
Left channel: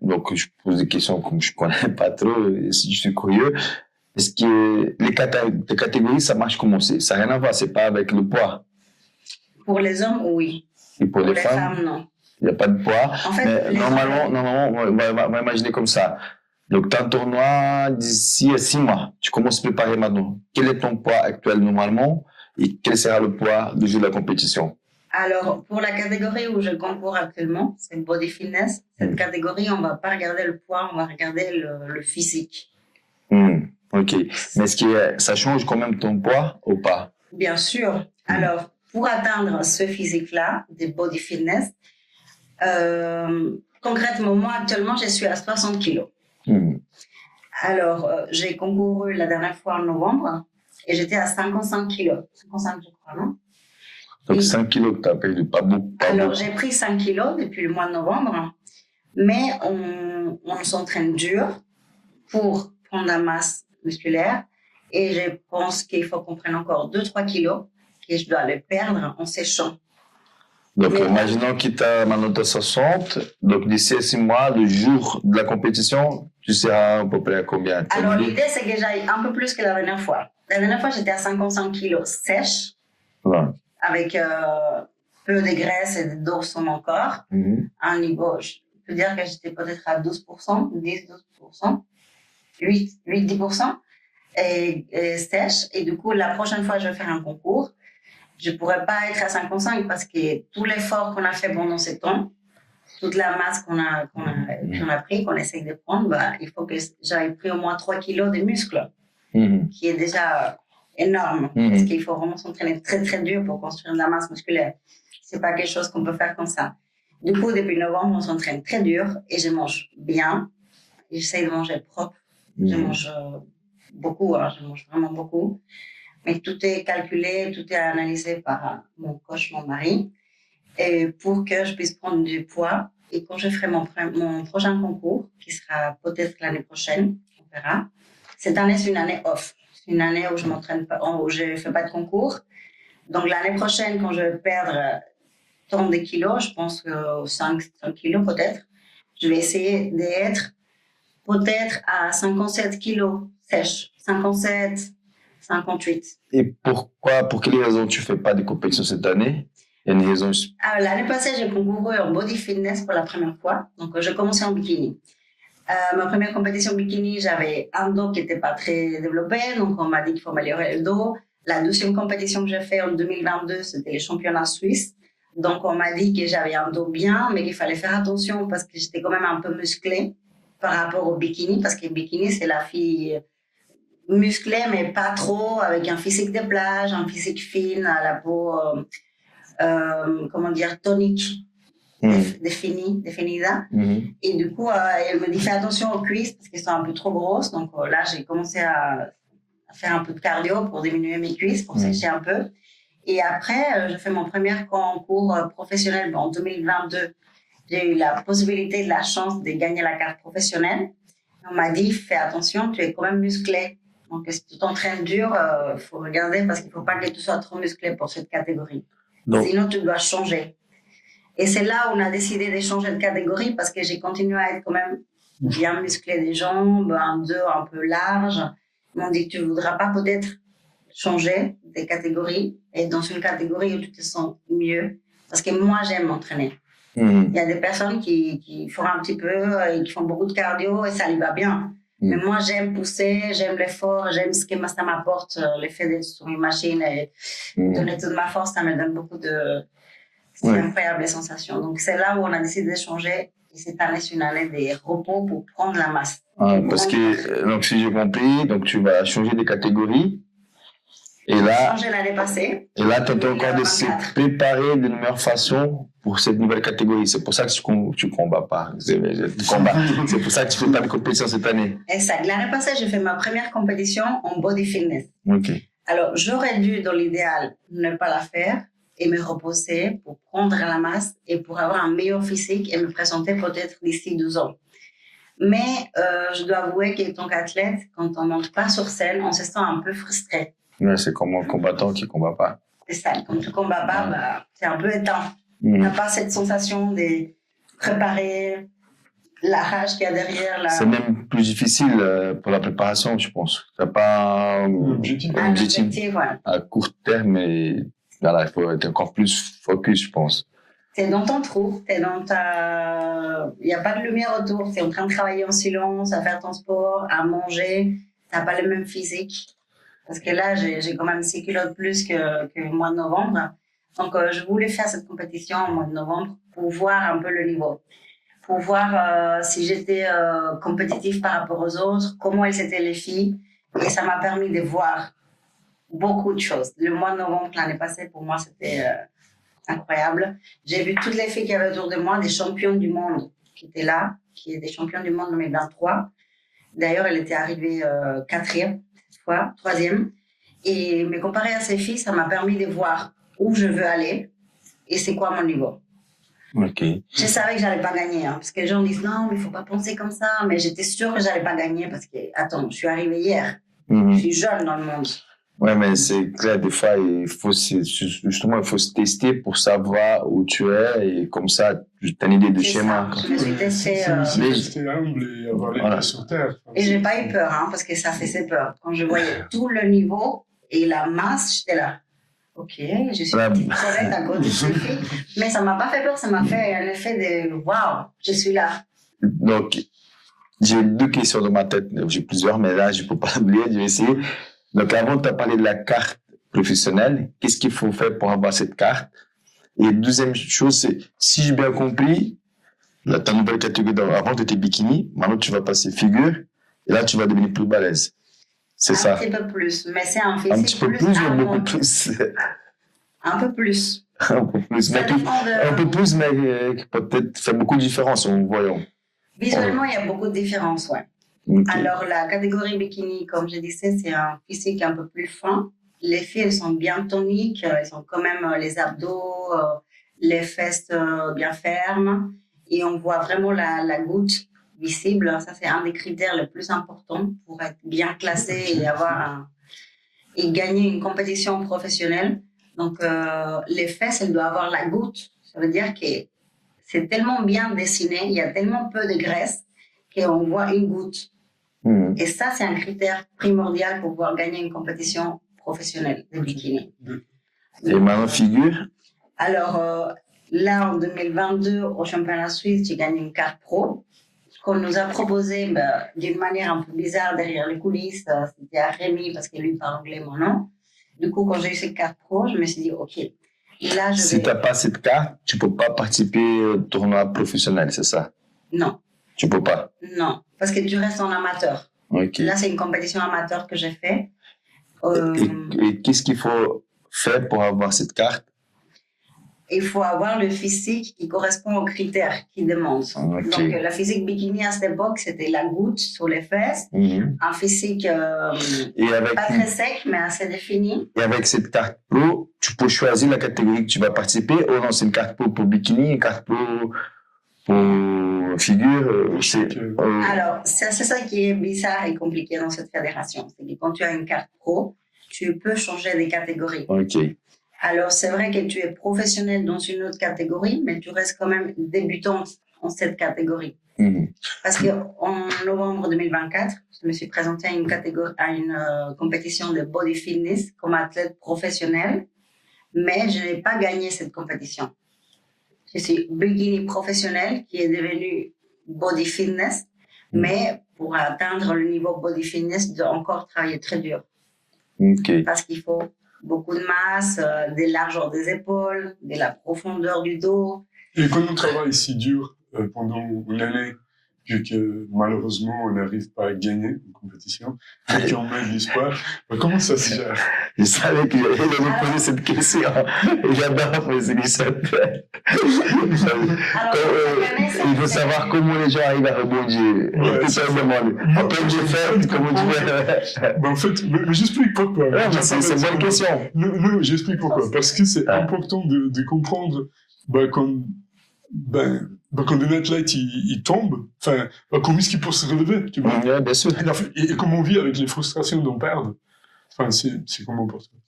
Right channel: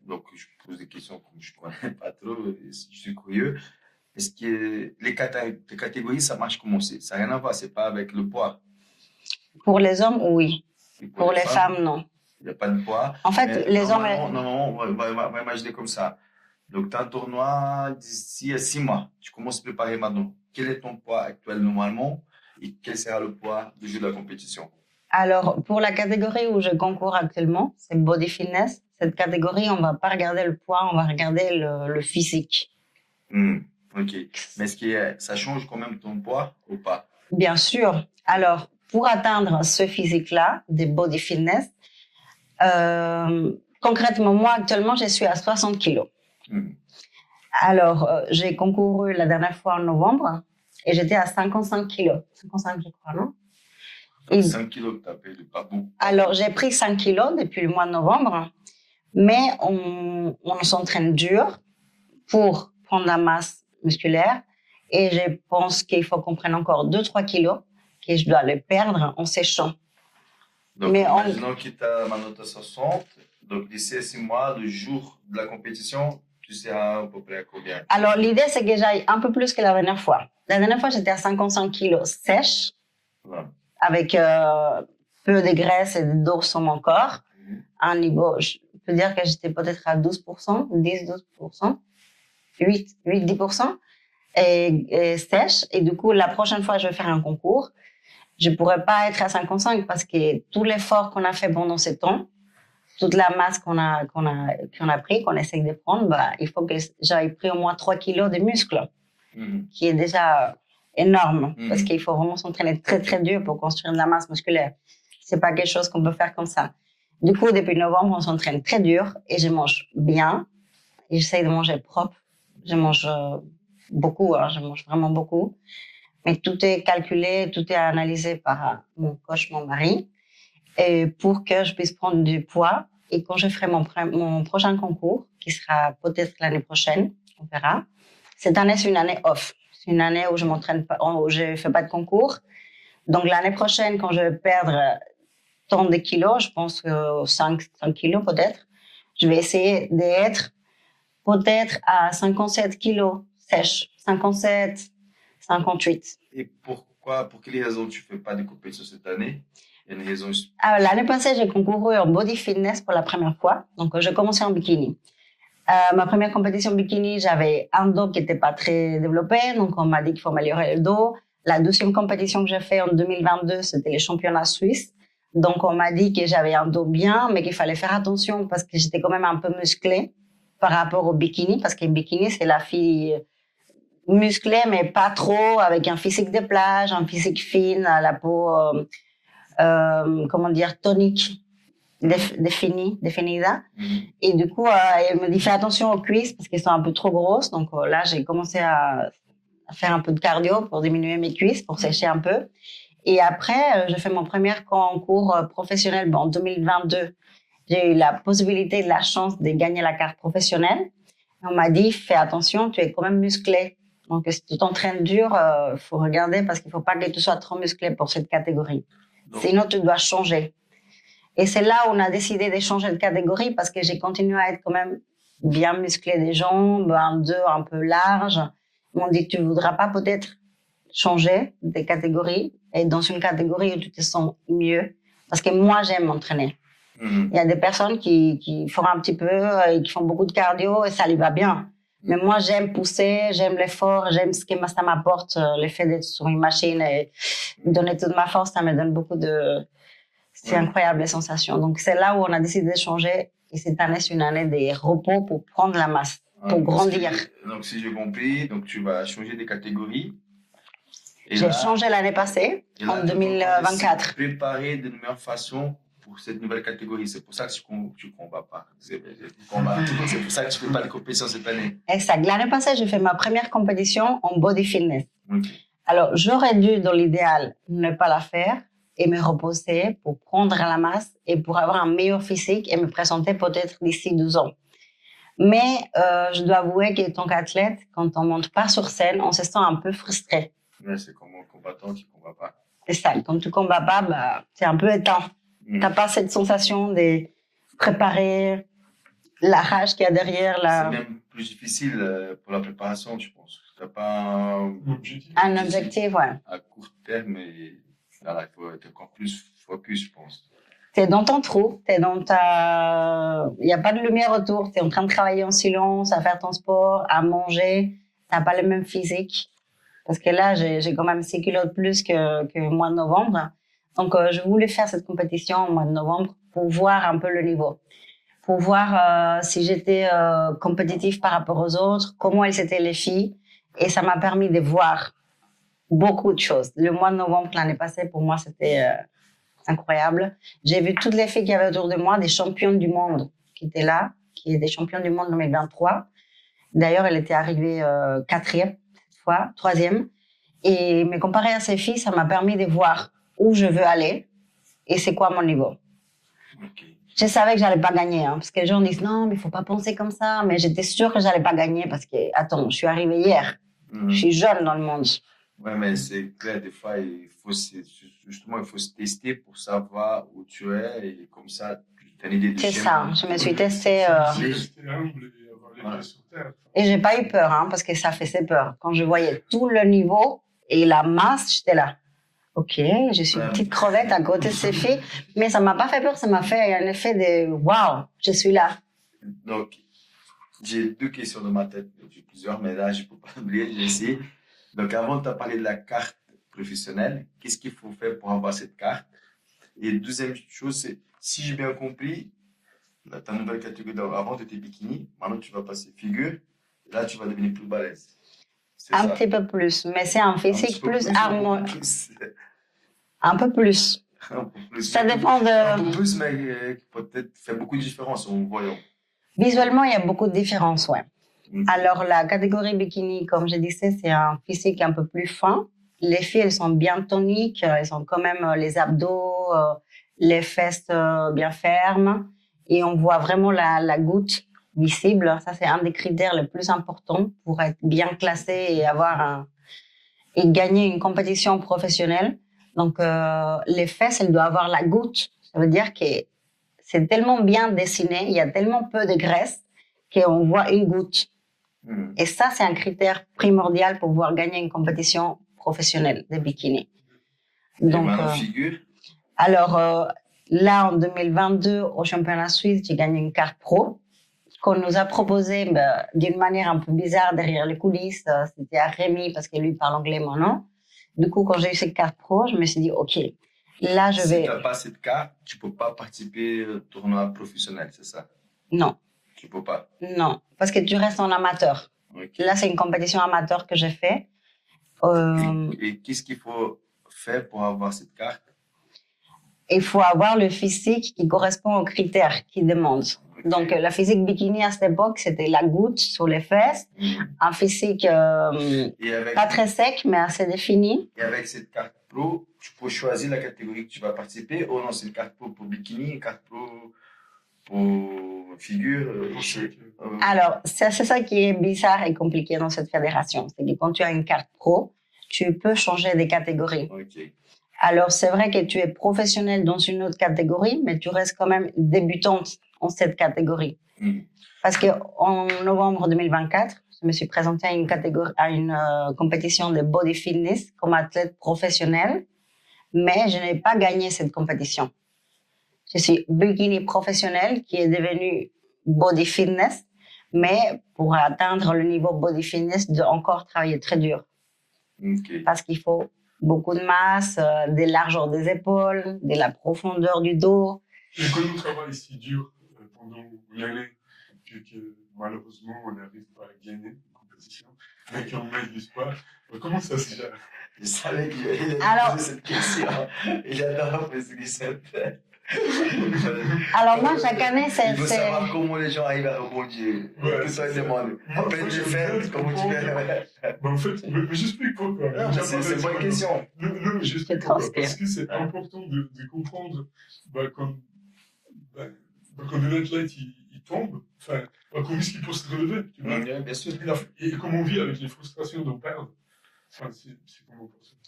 Donc, je pose des questions comme je ne connais pas trop, si je suis curieux. Est-ce que les catégories, ça marche comment? Ça n'a rien à voir, ce n'est pas avec le poids. Pour les hommes, oui. Et pour les femmes, non. Il n'y a pas de poids. En fait, normalement, on va imaginer comme ça. Donc, tu as un tournoi d'ici 6 mois. Tu commences à préparer maintenant. Quel est ton poids actuel normalement et quel sera le poids du jour de la compétition? Alors, pour la catégorie où je concours actuellement, c'est Body Fitness. Cette catégorie, on ne va pas regarder le poids, on va regarder le physique. Ok. Mais est-ce que ça change quand même ton poids ou pas? Bien sûr. Alors, pour atteindre ce physique-là, de Body Fitness, concrètement, moi, actuellement, je suis à 60 kilos. Alors, j'ai concouru la dernière fois en novembre et j'étais à 55 kilos. 55, je crois, non? Donc, 5 kilos que tu as perdu, pas beaucoup. Alors, j'ai pris 5 kilos depuis le mois de novembre, mais on s'entraîne dur pour prendre la masse musculaire et je pense qu'il faut qu'on prenne encore 2-3 kilos que je dois les perdre en séchant. Donc, imaginons que tu as maintenant 60, donc d'ici 6 mois, le jour de la compétition, tu seras à peu près à combien? Alors, l'idée, c'est que j'aille un peu plus que la dernière fois. La dernière fois, j'étais à 55 kilos sèche, avec peu de graisse et d'eau sur mon corps. Un niveau, je peux dire que j'étais peut-être à 12%, 10-12%, 8-10%, et sèche. Et du coup, la prochaine fois, je vais faire un concours. Je ne pourrais pas être à 55 parce que tout l'effort qu'on a fait pendant ce temps, toute la masse qu'on a pris, qu'on essaye de prendre, bah, il faut que j'aille pris au moins 3 kilos de muscles, qui est déjà énorme, parce qu'il faut vraiment s'entraîner très, très dur pour construire de la masse musculaire. C'est pas quelque chose qu'on peut faire comme ça. Du coup, depuis novembre, on s'entraîne très dur et je mange bien. Et j'essaie de manger propre. Je mange beaucoup, hein, je mange vraiment beaucoup. Mais tout est calculé, tout est analysé par mon coach, mon mari, et pour que je puisse prendre du poids. Et quand je ferai mon prochain concours, qui sera peut-être l'année prochaine, on verra. Cette année, c'est une année off. C'est une année où je m'entraîne pas, où je fais pas de concours. Donc l'année prochaine, quand je vais perdre tant de kilos, je pense que 5 kilos peut-être, je vais essayer d'être peut-être à 57 kilos sèche, 57, 58. Et pourquoi, pour quelles raisons tu fais pas de compétition cette année? Il y a une raison. L'année passée, j'ai concouru en body fitness pour la première fois. Donc, j'ai commencé en bikini. Ma première compétition bikini, j'avais un dos qui n'était pas très développé. Donc, on m'a dit qu'il faut améliorer le dos. La deuxième compétition que j'ai fait en 2022, c'était les championnats suisses. Donc, on m'a dit que j'avais un dos bien, mais qu'il fallait faire attention parce que j'étais quand même un peu musclée par rapport au bikini. Parce que le bikini, c'est la fille musclée, mais pas trop, avec un physique de plage, un physique fine, la peau, comment dire, tonique, définida. Et du coup, elle me dit, fais attention aux cuisses parce qu'elles sont un peu trop grosses. Donc là, j'ai commencé à faire un peu de cardio pour diminuer mes cuisses, pour sécher un peu. Et après, je fais mon premier concours professionnel en 2022. J'ai eu la possibilité, la chance de gagner la carte professionnelle. On m'a dit, fais attention, tu es quand même musclé. Donc, si tu t'entraînes dur, faut regarder parce qu'il faut pas que tu sois trop musclé pour cette catégorie. Donc, sinon, tu dois changer. Et c'est là où on a décidé de changer de catégorie parce que j'ai continué à être quand même bien musclé des jambes, un dos un peu large. Ils m'ont dit que tu voudras pas peut-être changer de catégorie et dans une catégorie où tu te sens mieux. Parce que moi, j'aime m'entraîner. Il y a des personnes qui font un petit peu et qui font beaucoup de cardio et ça lui va bien. Mais moi, j'aime pousser, j'aime l'effort, j'aime ce que ça m'apporte, le fait d'être sur une machine et donner toute ma force, ça me donne beaucoup de... C'est incroyable, les sensations. Donc, c'est là où on a décidé de changer. Et cette année, c'est une année de repos pour prendre la masse. Parce que, donc, si j'ai compris, donc tu vas changer de catégorie. J'ai changé l'année passée. Et là, tu as encore décidé de préparer de meilleure façon pour cette nouvelle catégorie. C'est pour ça que tu combats pas. C'est pour ça que tu fais pas de compétition cette année. Exact. L'année passée, j'ai fait ma première compétition en body fitness. Ok. Alors, j'aurais dû, dans l'idéal, ne pas la faire et me reposer pour prendre la masse et pour avoir un meilleur physique et me présenter peut-être d'ici 12 ans. Mais je dois avouer que tant qu'athlète, quand on monte pas sur scène, on se sent un peu frustré. Ouais, c'est comme un combattant qui ne combat pas. C'est ça, quand tu ne combats pas, bah, c'est un peu éteint. Tu n'as pas cette sensation de préparer la rage qu'il y a derrière. C'est même plus difficile pour la préparation, je pense. Tu n'as pas un objectif à court terme, mais voilà, il faut être encore plus focus, je pense. Tu es dans ton trou, t'es dans il n'y a pas de lumière autour, tu es en train de travailler en silence, à faire ton sport, à manger, tu n'as pas le même physique. Parce que là, j'ai quand même 6 kilos de plus que le mois de novembre. Donc, je voulais faire cette compétition au mois de novembre pour voir un peu le niveau. Pour voir si j'étais compétitive par rapport aux autres, comment elles étaient les filles. Et ça m'a permis de voir beaucoup de choses. Le mois de novembre, l'année passée, pour moi, c'était incroyable. J'ai vu toutes les filles qui avaient autour de moi, des championnes du monde qui étaient là, qui étaient des championnes du monde en 2023. D'ailleurs, elle était arrivée 4e. Fois, 3e. Et me comparer à ces filles, ça m'a permis de voir où je veux aller et c'est quoi mon niveau. Okay. Je savais que j'allais pas gagner, parce que les gens disent non, mais il faut pas penser comme ça. Mais j'étais sûre que j'allais pas gagner parce que, attends, je suis arrivée hier. Je suis jeune dans le monde. Ouais, mais c'est clair, des fois, il faut se tester pour savoir où tu es et comme ça, tu as une idée de schéma. C'est ça, je me suis testée. Rester humble et avoir les pieds sur terre. Et j'ai pas eu peur, parce que ça fait peur. Quand je voyais tout le niveau et la masse, j'étais là. Ok, je suis une petite crevette à côté de ces filles, mais ça m'a pas fait peur, ça m'a fait un effet de waouh, je suis là. Donc, j'ai 2 questions dans ma tête, j'ai plusieurs, mais là, je peux pas oublier, je vais essayer. Donc, avant, tu as parlé de la carte professionnelle. Qu'est-ce qu'il faut faire pour avoir cette carte? Et deuxième chose, c'est, si j'ai bien compris, là, ta nouvelle catégorie, avant, tu étais bikini, maintenant, tu vas passer figure, et là, tu vas devenir plus balèze. C'est ça? Un petit peu plus, mais c'est un physique plus harmonieux. Un peu plus. Un peu plus, Ça mais dépend un de... peu plus, mais qui peut-être fait beaucoup de différence en voyant. Visuellement, il y a beaucoup de différences, ouais. Ok. Alors, la catégorie bikini, comme je disais, c'est un physique un peu plus fin. Les filles, elles sont bien toniques, elles ont quand même les abdos, les fesses bien fermes. Et on voit vraiment la goutte visible. Ça, c'est un des critères les plus importants pour être bien classé et et gagner une compétition professionnelle. Donc, les fesses, elles doivent avoir la goutte. Ça veut dire que c'est tellement bien dessiné, il y a tellement peu de graisse qu'on voit une goutte. Et ça, c'est un critère primordial pour pouvoir gagner une compétition professionnelle de bikini. Et Donc, maintenant, figure. alors, là, en 2022, au championnat suisse, j'ai gagné une carte pro. Ce qu'on nous a proposé d'une manière un peu bizarre derrière les coulisses, c'était à Rémi, parce que lui parle anglais, moi non. Du coup, quand j'ai eu cette carte pro, je me suis dit, OK, là, je Si vais... tu n'as pas cette carte, tu ne peux pas participer au tournoi professionnel, c'est ça? Non, Tu ne peux pas. non, parce que tu restes en amateur. Ok. Là, c'est une compétition amateur que j'ai fait. Et qu'est-ce qu'il faut faire pour avoir cette carte? Il faut avoir le physique qui correspond aux critères qu'ils demandent. Ok. Donc, la physique bikini à cette époque, c'était la goutte sur les fesses, un physique Et avec, pas très sec, mais assez défini. et avec cette carte pro, tu peux choisir la catégorie que tu vas participer. Oh non, c'est une carte pro pour bikini, une carte pro pour figure. Alors, c'est ça qui est bizarre et compliqué dans cette fédération. C'est que quand tu as une carte pro, tu peux changer des catégories. Ok. Alors, c'est vrai que tu es professionnel dans une autre catégorie, mais tu restes quand même débutante en cette catégorie. Parce qu'en novembre 2024, je me suis présentée à une compétition de body fitness comme athlète professionnel, mais je n'ai pas gagné cette compétition. Je suis bikini professionnel qui est devenu body fitness, mais pour atteindre le niveau body fitness, je dois encore travailler très dur. Ok. Parce qu'il faut beaucoup de masse, des largeurs des épaules, de la profondeur du dos. Et quand on travaille si dur pendant l'année, vu que malheureusement on n'arrive pas à gagner une compétition, et qu'on met de l'espoir, comment ça se gère? Je savais qu'il allait me poser cette question. J'adore poser cette question. Alors, nous, chaque année, il faut savoir comment les gens arrivent à rebondir. Ouais, ça demande. Après, j'ai fait, comment tu fais? En fait, mais j'explique pourquoi. C'est une bonne question. Non, j'explique pourquoi. Parce que c'est important de comprendre quand un athlète il tombe, comment est-ce qu'il peut se relever, tu vois? Oui, bien sûr. Et comment on vit avec les frustrations d'en perdre. C'est comment pour toi?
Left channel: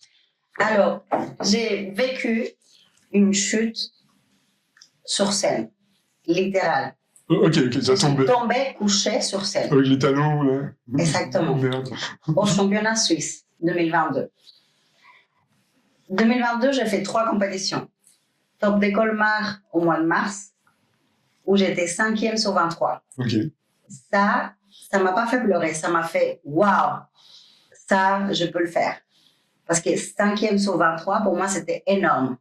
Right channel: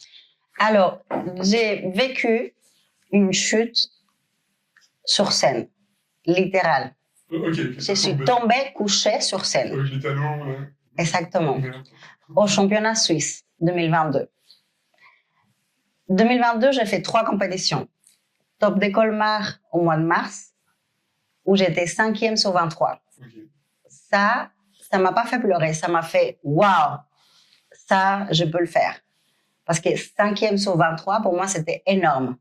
Alors, j'ai vécu une chute sur scène, littérale. Ok, ça je suis tombée couchée sur scène. Avec les talons, là. Exactement. Au championnat suisse 2022. 2022, j'ai fait 3 compétitions. Top de Colmar au mois de mars, où j'étais 5e sur 23. Ok. Ça m'a pas fait pleurer, ça m'a fait waouh, ça, je peux le faire. Parce que 5e sur 23, pour moi, c'était énorme.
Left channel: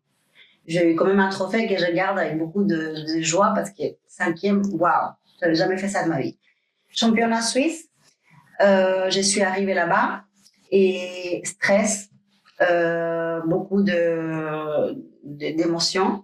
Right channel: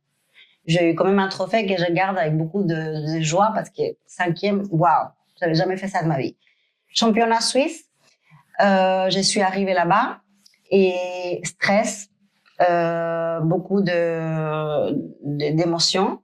J'ai eu quand même un trophée que je garde avec beaucoup de joie parce que 5e, waouh, je n'avais jamais fait ça de ma vie. Championnat suisse, je suis arrivée là-bas et stress, beaucoup d'émotions.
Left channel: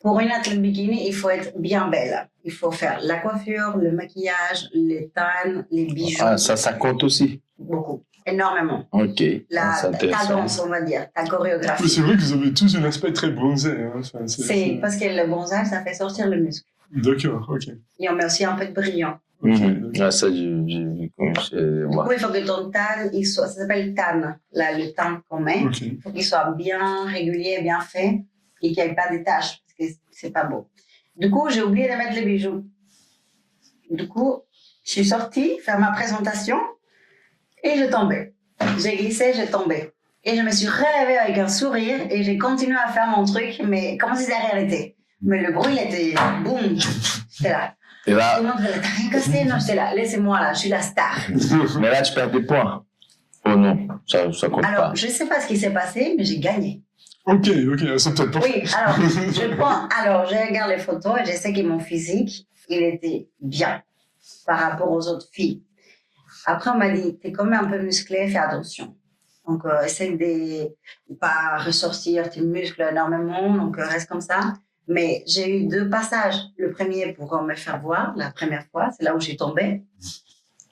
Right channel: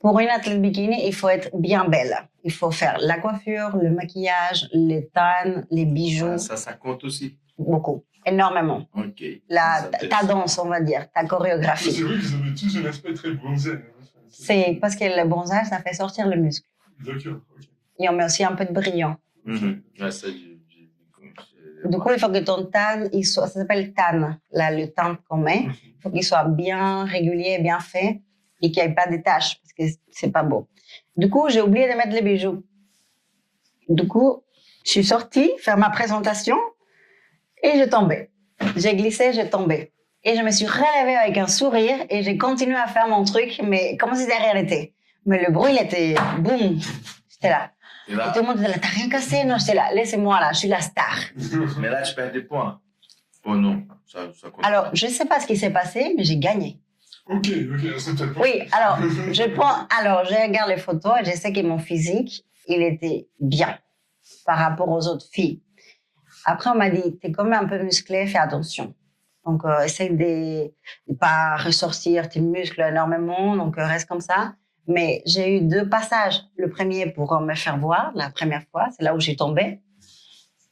Pour une athlète bikini, il faut être bien belle. Il faut faire la coiffure, le maquillage, les tannes, les bijoux. Ah, ça compte aussi. Beaucoup, énormément. Ok. Ta danse, on va dire, ta chorégraphie. C'est vrai que vous avez tous un aspect très bronzé. Hein. C'est parce que le bronzage, ça fait sortir le muscle. D'accord, ok. Et on met aussi un peu de brillant. Ah, ça, j'ai du coup, il faut que ton tan, ça s'appelle tan, là, le tan qu'on met. Il faut qu'il soit bien régulier, bien fait et qu'il n'y ait pas de taches parce que c'est pas beau. Du coup, j'ai oublié de mettre les bijoux. Du coup, je suis sortie faire ma présentation et j'ai tombé. J'ai glissé, j'ai tombé. Et je me suis relevée avec un sourire et j'ai continué à faire mon truc, mais comme si de rien n'était. Mais le bruit, il était boum. J'étais là. Et là, tout le monde disait, t'as rien cassé? Non, j'étais là, laissez-moi là, je suis la star. Mais là, tu perds des points. Oh non, ça compte pas. Alors, je ne sais pas ce qui s'est passé, mais j'ai gagné. Ok, ça peut être pas. Oui, alors, je regarde les photos et je sais que mon physique, il était bien par rapport aux autres filles. Après, on m'a dit, t'es quand même un peu musclée, fais attention. Donc, essaye de ne pas ressortir tes muscles énormément. Donc, reste comme ça. Mais j'ai eu 2 passages. Le premier pour me faire voir, la première fois, c'est là où j'ai tombé.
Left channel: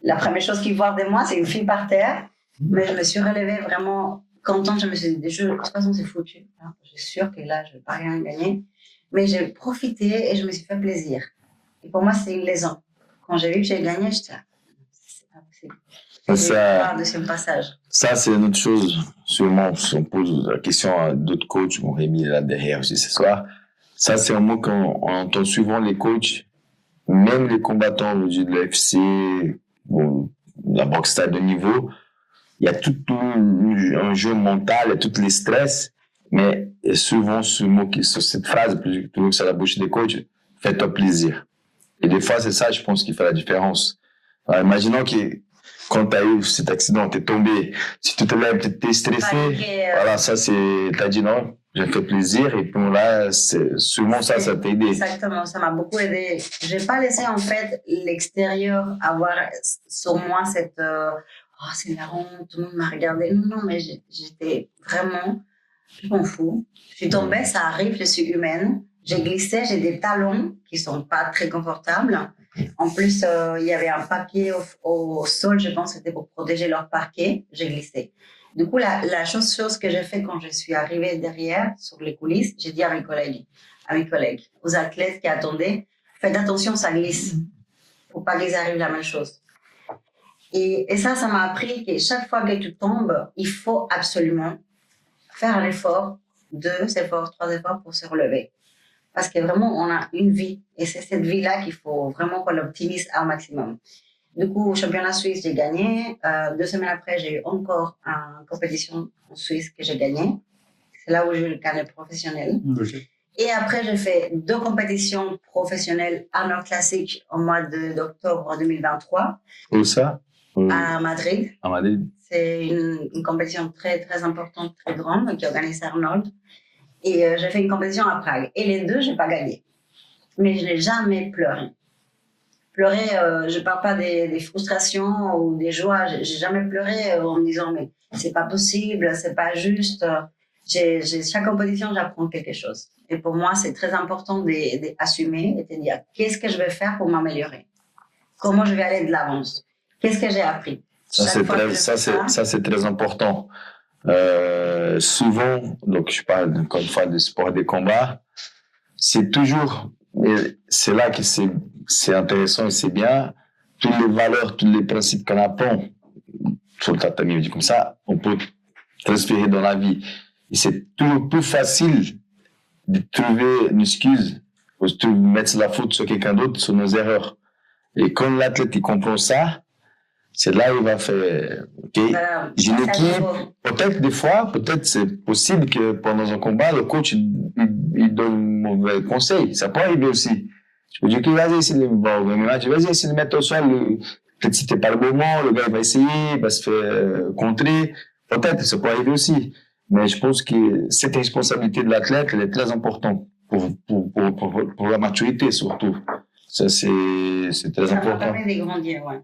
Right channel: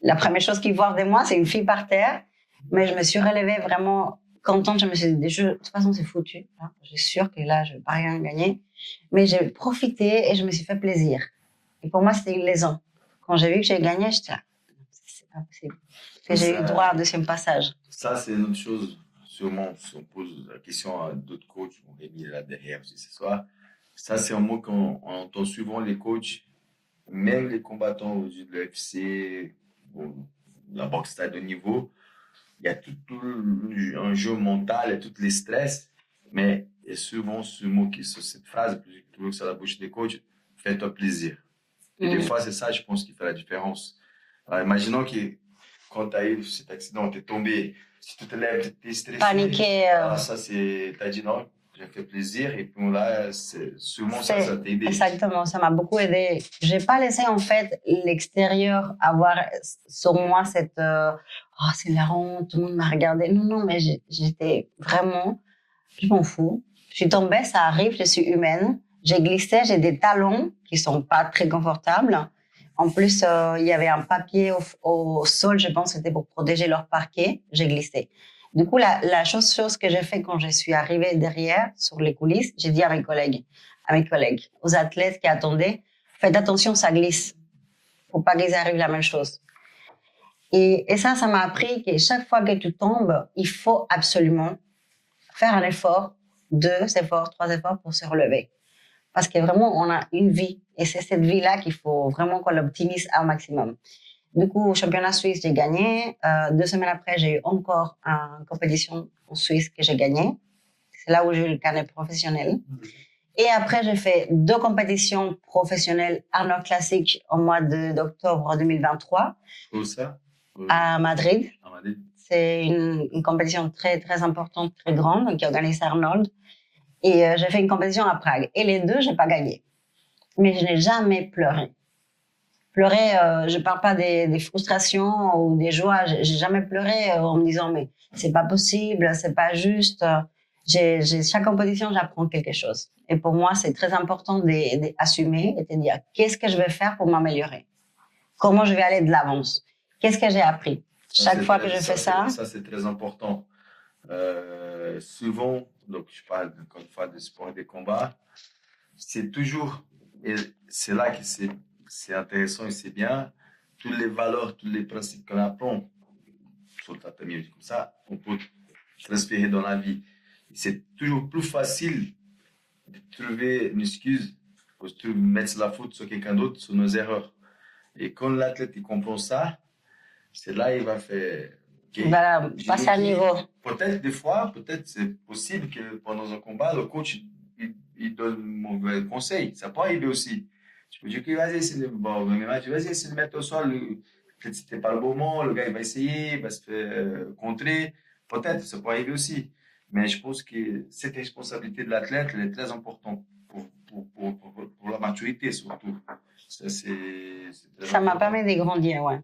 La première chose qu'ils voient de moi, c'est une fille par terre. Mais je me suis relevée vraiment contente. Je me suis dit, de toute façon, c'est foutu. Je suis sûre que là, je ne vais pas rien gagner. Mais j'ai profité et je me suis fait plaisir. Et pour moi, c'est une leçon. Quand j'ai vu que j'ai gagné, j'étais là, c'est pas possible. Et j'ai eu droit au 2e passage. Ça, c'est une autre chose. Sûrement, si on pose la question à d'autres coachs, bon, Rémi est là derrière aussi ce soir. Ça, c'est un mot qu'on entend souvent les coachs, même les combattants de l'UFC, bon, la boxe à de niveau. Il y a tout un jeu mental, il y a tous les stress, mais souvent ce mot, cette phrase, plutôt que sur la bouche des coachs, fais-toi plaisir. Et des fois, c'est ça, je pense, qui fait la différence. Alors, imaginons que quand tu as eu cet accident, tu es tombé, si tu te lèves, tu es stressé, voilà, ça, tu as dit non, j'ai fait plaisir, et puis là, souvent ça t'a aidé. Exactement, ça m'a beaucoup aidé. Je n'ai pas laissé, en fait, l'extérieur avoir sur moi cette oh, c'est la honte, tout le monde m'a regardé. Non, mais j'étais vraiment, je m'en fous. Je suis tombée, ça arrive, je suis humaine. J'ai glissé, j'ai des talons qui sont pas très confortables. En plus, il y avait un papier au sol, je pense que c'était pour protéger leur parquet. J'ai glissé. Du coup, la chose que j'ai fait quand je suis arrivée derrière, sur les coulisses, j'ai dit à mes collègues, aux athlètes qui attendaient, faites attention, ça glisse. Faut pas qu'ils arrivent la même chose. Et ça m'a appris que chaque fois que tu tombes, il faut absolument faire un effort, 2 efforts, 3 efforts pour se relever. Parce que vraiment, on a une vie. Et c'est cette vie-là qu'il faut vraiment qu'on l'optimise au maximum. Du coup, au championnat suisse, j'ai gagné. 2 semaines après, j'ai eu encore une compétition en Suisse que j'ai gagnée. C'est là où j'ai eu le carnet professionnel. Okay. Et après, j'ai fait 2 compétitions professionnelles Arnold Classic au mois d'octobre 2023. Où ça? À Madrid. À Madrid. C'est une compétition très, très importante, très grande, qui organise Arnold. Et j'ai fait une compétition à Prague. Et les 2, je n'ai pas gagné. Mais je n'ai jamais pleuré. Pleurer, je ne parle pas des frustrations ou des joies. Je n'ai jamais pleuré en me disant, mais c'est pas possible, c'est pas juste. Chaque compétition, j'apprends quelque chose. Et pour moi, c'est très important d'assumer et de dire, qu'est-ce que je vais faire pour m'améliorer? Comment je vais aller de l'avance? Qu'est-ce que j'ai appris? Ça, c'est très important. Souvent, donc je parle encore une fois de sport des combats, c'est toujours, c'est là que c'est intéressant et c'est bien, toutes les valeurs, tous les principes qu'on apprend sur le tatami, dit comme ça, on peut transférer dans la vie. Et c'est toujours plus facile de trouver une excuse ou de mettre la faute sur quelqu'un d'autre, sur nos erreurs. Et quand l'athlète il comprend ça, c'est là où il va faire, ok, voilà, peut-être des fois, peut-être c'est possible que pendant un combat, le coach il donne mauvais conseil. Ça peut arriver aussi. Je peux dire que vas-y, essayer de mettre au sol, peut-être si t'es pas le moment, le gars il va essayer, il va se faire contrer. Peut-être, ça peut arriver aussi. Mais je pense que cette responsabilité de l'athlète, elle est très importante pour la maturité surtout. Ça, c'est très important. Ça m'a permis de grandir, ouais.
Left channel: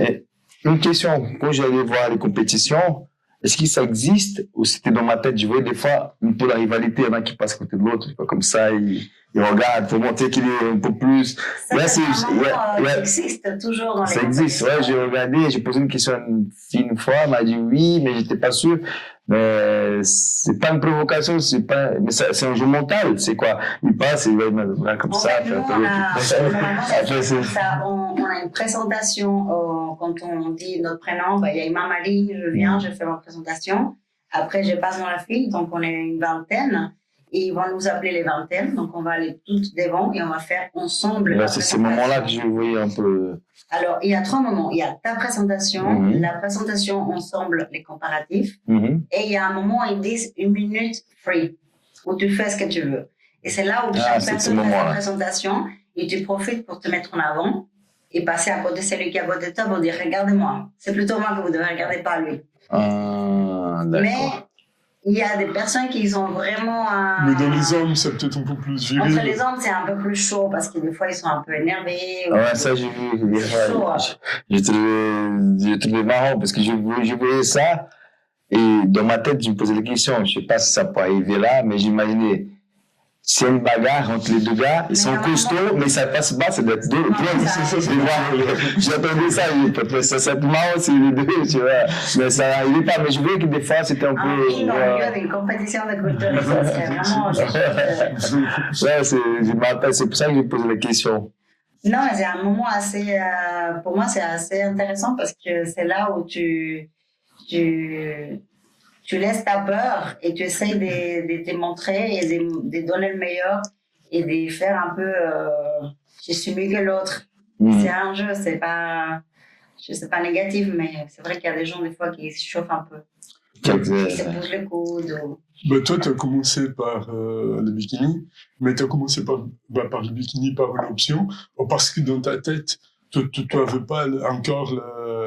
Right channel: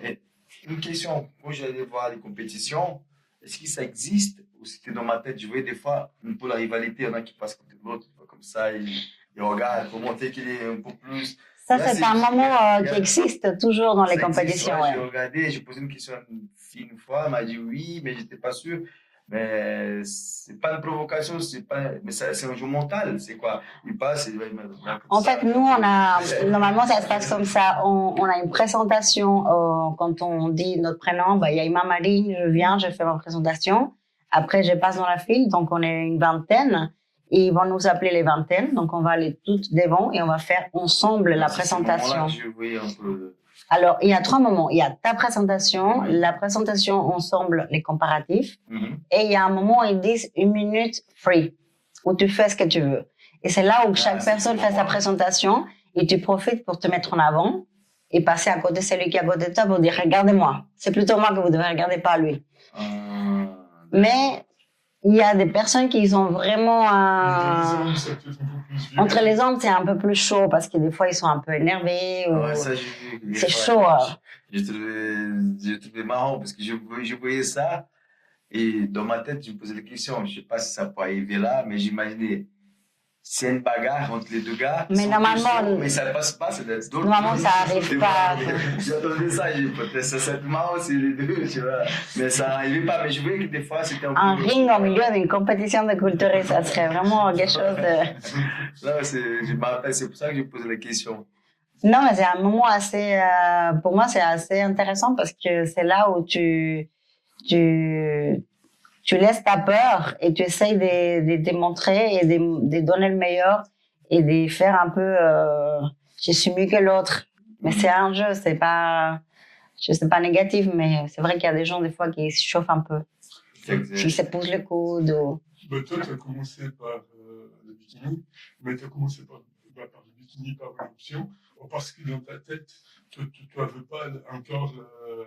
Et une question, quand j'allais voir les compétitions, est-ce que ça existe ou c'était dans ma tête? Je voyais des fois un peu la rivalité, il y en a qui passent à côté de l'autre, comme ça, ils regardent pour montrer qu'il est un peu plus. Ça, c'est un moment qui existe toujours dans les compétitions. Ça existe, j'ai regardé, j'ai posé une question à une fille une fois, elle m'a dit oui, mais j'étais pas sûr. Mais c'est pas une provocation, mais c'est un jeu mental, c'est quoi? Il passe et il va comme ça. En fait, nous, normalement, ça se passe comme ça. On a une présentation, quand on dit notre prénom, il y a Imam Ali, je viens, je fais ma présentation. Après, je passe dans la file, donc on est une vingtaine. Et ils vont nous appeler les vingtaines, donc on va aller toutes devant et on va faire ensemble la présentation. C'est ce moment-là que je voyais un peu. Alors, il y a 3 moments. Il y a ta présentation, la présentation ensemble, les comparatifs, et il y a un moment où ils disent 1 minute free, où tu fais ce que tu veux. Et c'est là où chaque personne fait sa présentation et tu profites pour te mettre en avant et passer à côté de celui qui est à côté de toi pour dire « Regardez-moi ». C'est plutôt moi que vous devez regarder, pas lui. Mais il y a des personnes qui ont vraiment... Mais dans les hommes, c'est peut-être un peu plus viril. Entre les hommes, c'est un peu plus chaud parce que des fois, ils sont un peu énervés. Ouais, ça, j'ai vu. C'est chaud. J'ai trouvé marrant parce que je voyais ça. Et dans ma tête, je me posais des questions. Je ne sais pas si ça peut arriver là, mais j'imaginais, s'il y a une bagarre entre les deux gars, ils sont costauds, mais ça passe pas, ça doit être deux. J'attendais ça, ça serait marrant si les deux, tu vois. Mais ça n'arrivait pas. Mais je voyais que des fois, c'était un peu. Un ring au milieu d'une compétition de culture, ça serait vraiment quelque chose de. Ouais, c'est pour ça que j'ai posé la question. Non, c'est un moment assez. Pour moi, c'est assez intéressant parce que c'est là où tu laisses ta peur et tu essayes de démontrer et de donner le meilleur et de faire un peu je suis mieux que l'autre. Mais c'est un jeu, c'est pas négatif, mais c'est vrai qu'il y a des gens des fois qui se chauffent un peu. Qui se poussent le coude. Bah, toi, tu as commencé par le bikini, mais tu as commencé par le bikini par une option, parce que dans ta tête, tu n'avais pas encore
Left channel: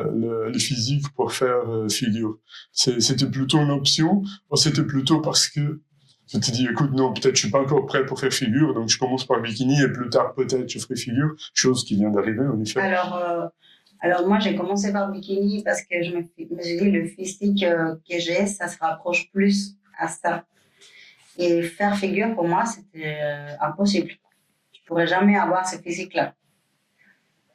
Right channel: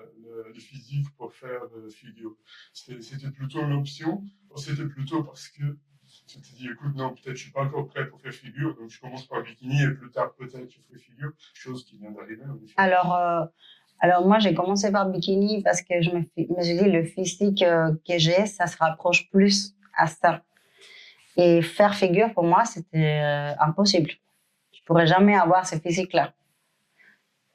le physique pour faire figure. C'était plutôt une option, ou c'était plutôt parce que tu te dis, écoute, non, peut-être je suis pas encore prêt pour faire figure, donc je commence par le bikini et plus tard, peut-être, je ferai figure, chose qui vient d'arriver, en effet. Alors moi, j'ai commencé par bikini parce que je me suis dit, le physique que j'ai, ça se rapproche plus à ça. Et faire figure, pour moi, c'était impossible. Je pourrais jamais avoir ce physique-là.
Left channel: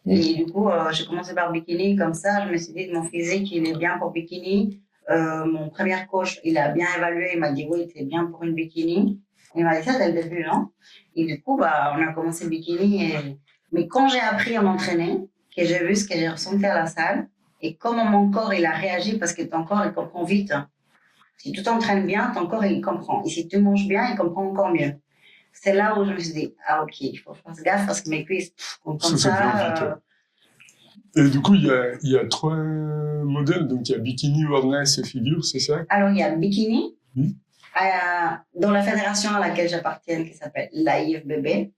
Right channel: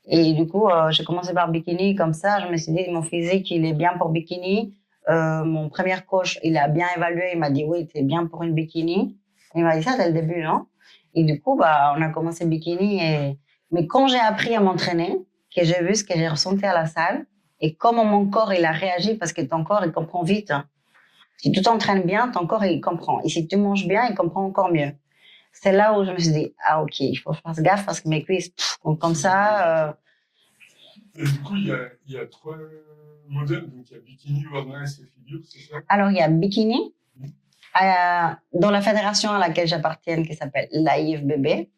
Et du coup, j'ai commencé par bikini comme ça. Je me suis dit, mon physique, il est bien pour bikini. Mon premier coach, il a bien évalué. Il m'a dit, oui, t'es bien pour une bikini. Il m'a dit ça dès le début, non? Et du coup, on a commencé bikini. Mais quand j'ai appris à m'entraîner, que j'ai vu ce que j'ai ressenti à la salle, et comment mon corps, il a réagi, parce que ton corps, il comprend vite. Si tu t'entraînes bien, ton corps, il comprend. Et si tu manges bien, il comprend encore mieux. C'est là où je me suis dit, ah, ok, il faut que je fasse gaffe parce que mes cuisses, comme ça. Et du coup, il y a 3 modèles. Donc, il y a bikini, wellness et figure, c'est ça? Alors, il y a bikini. Dans la fédération à laquelle j'appartiens, qui s'appelle l'AIFBB,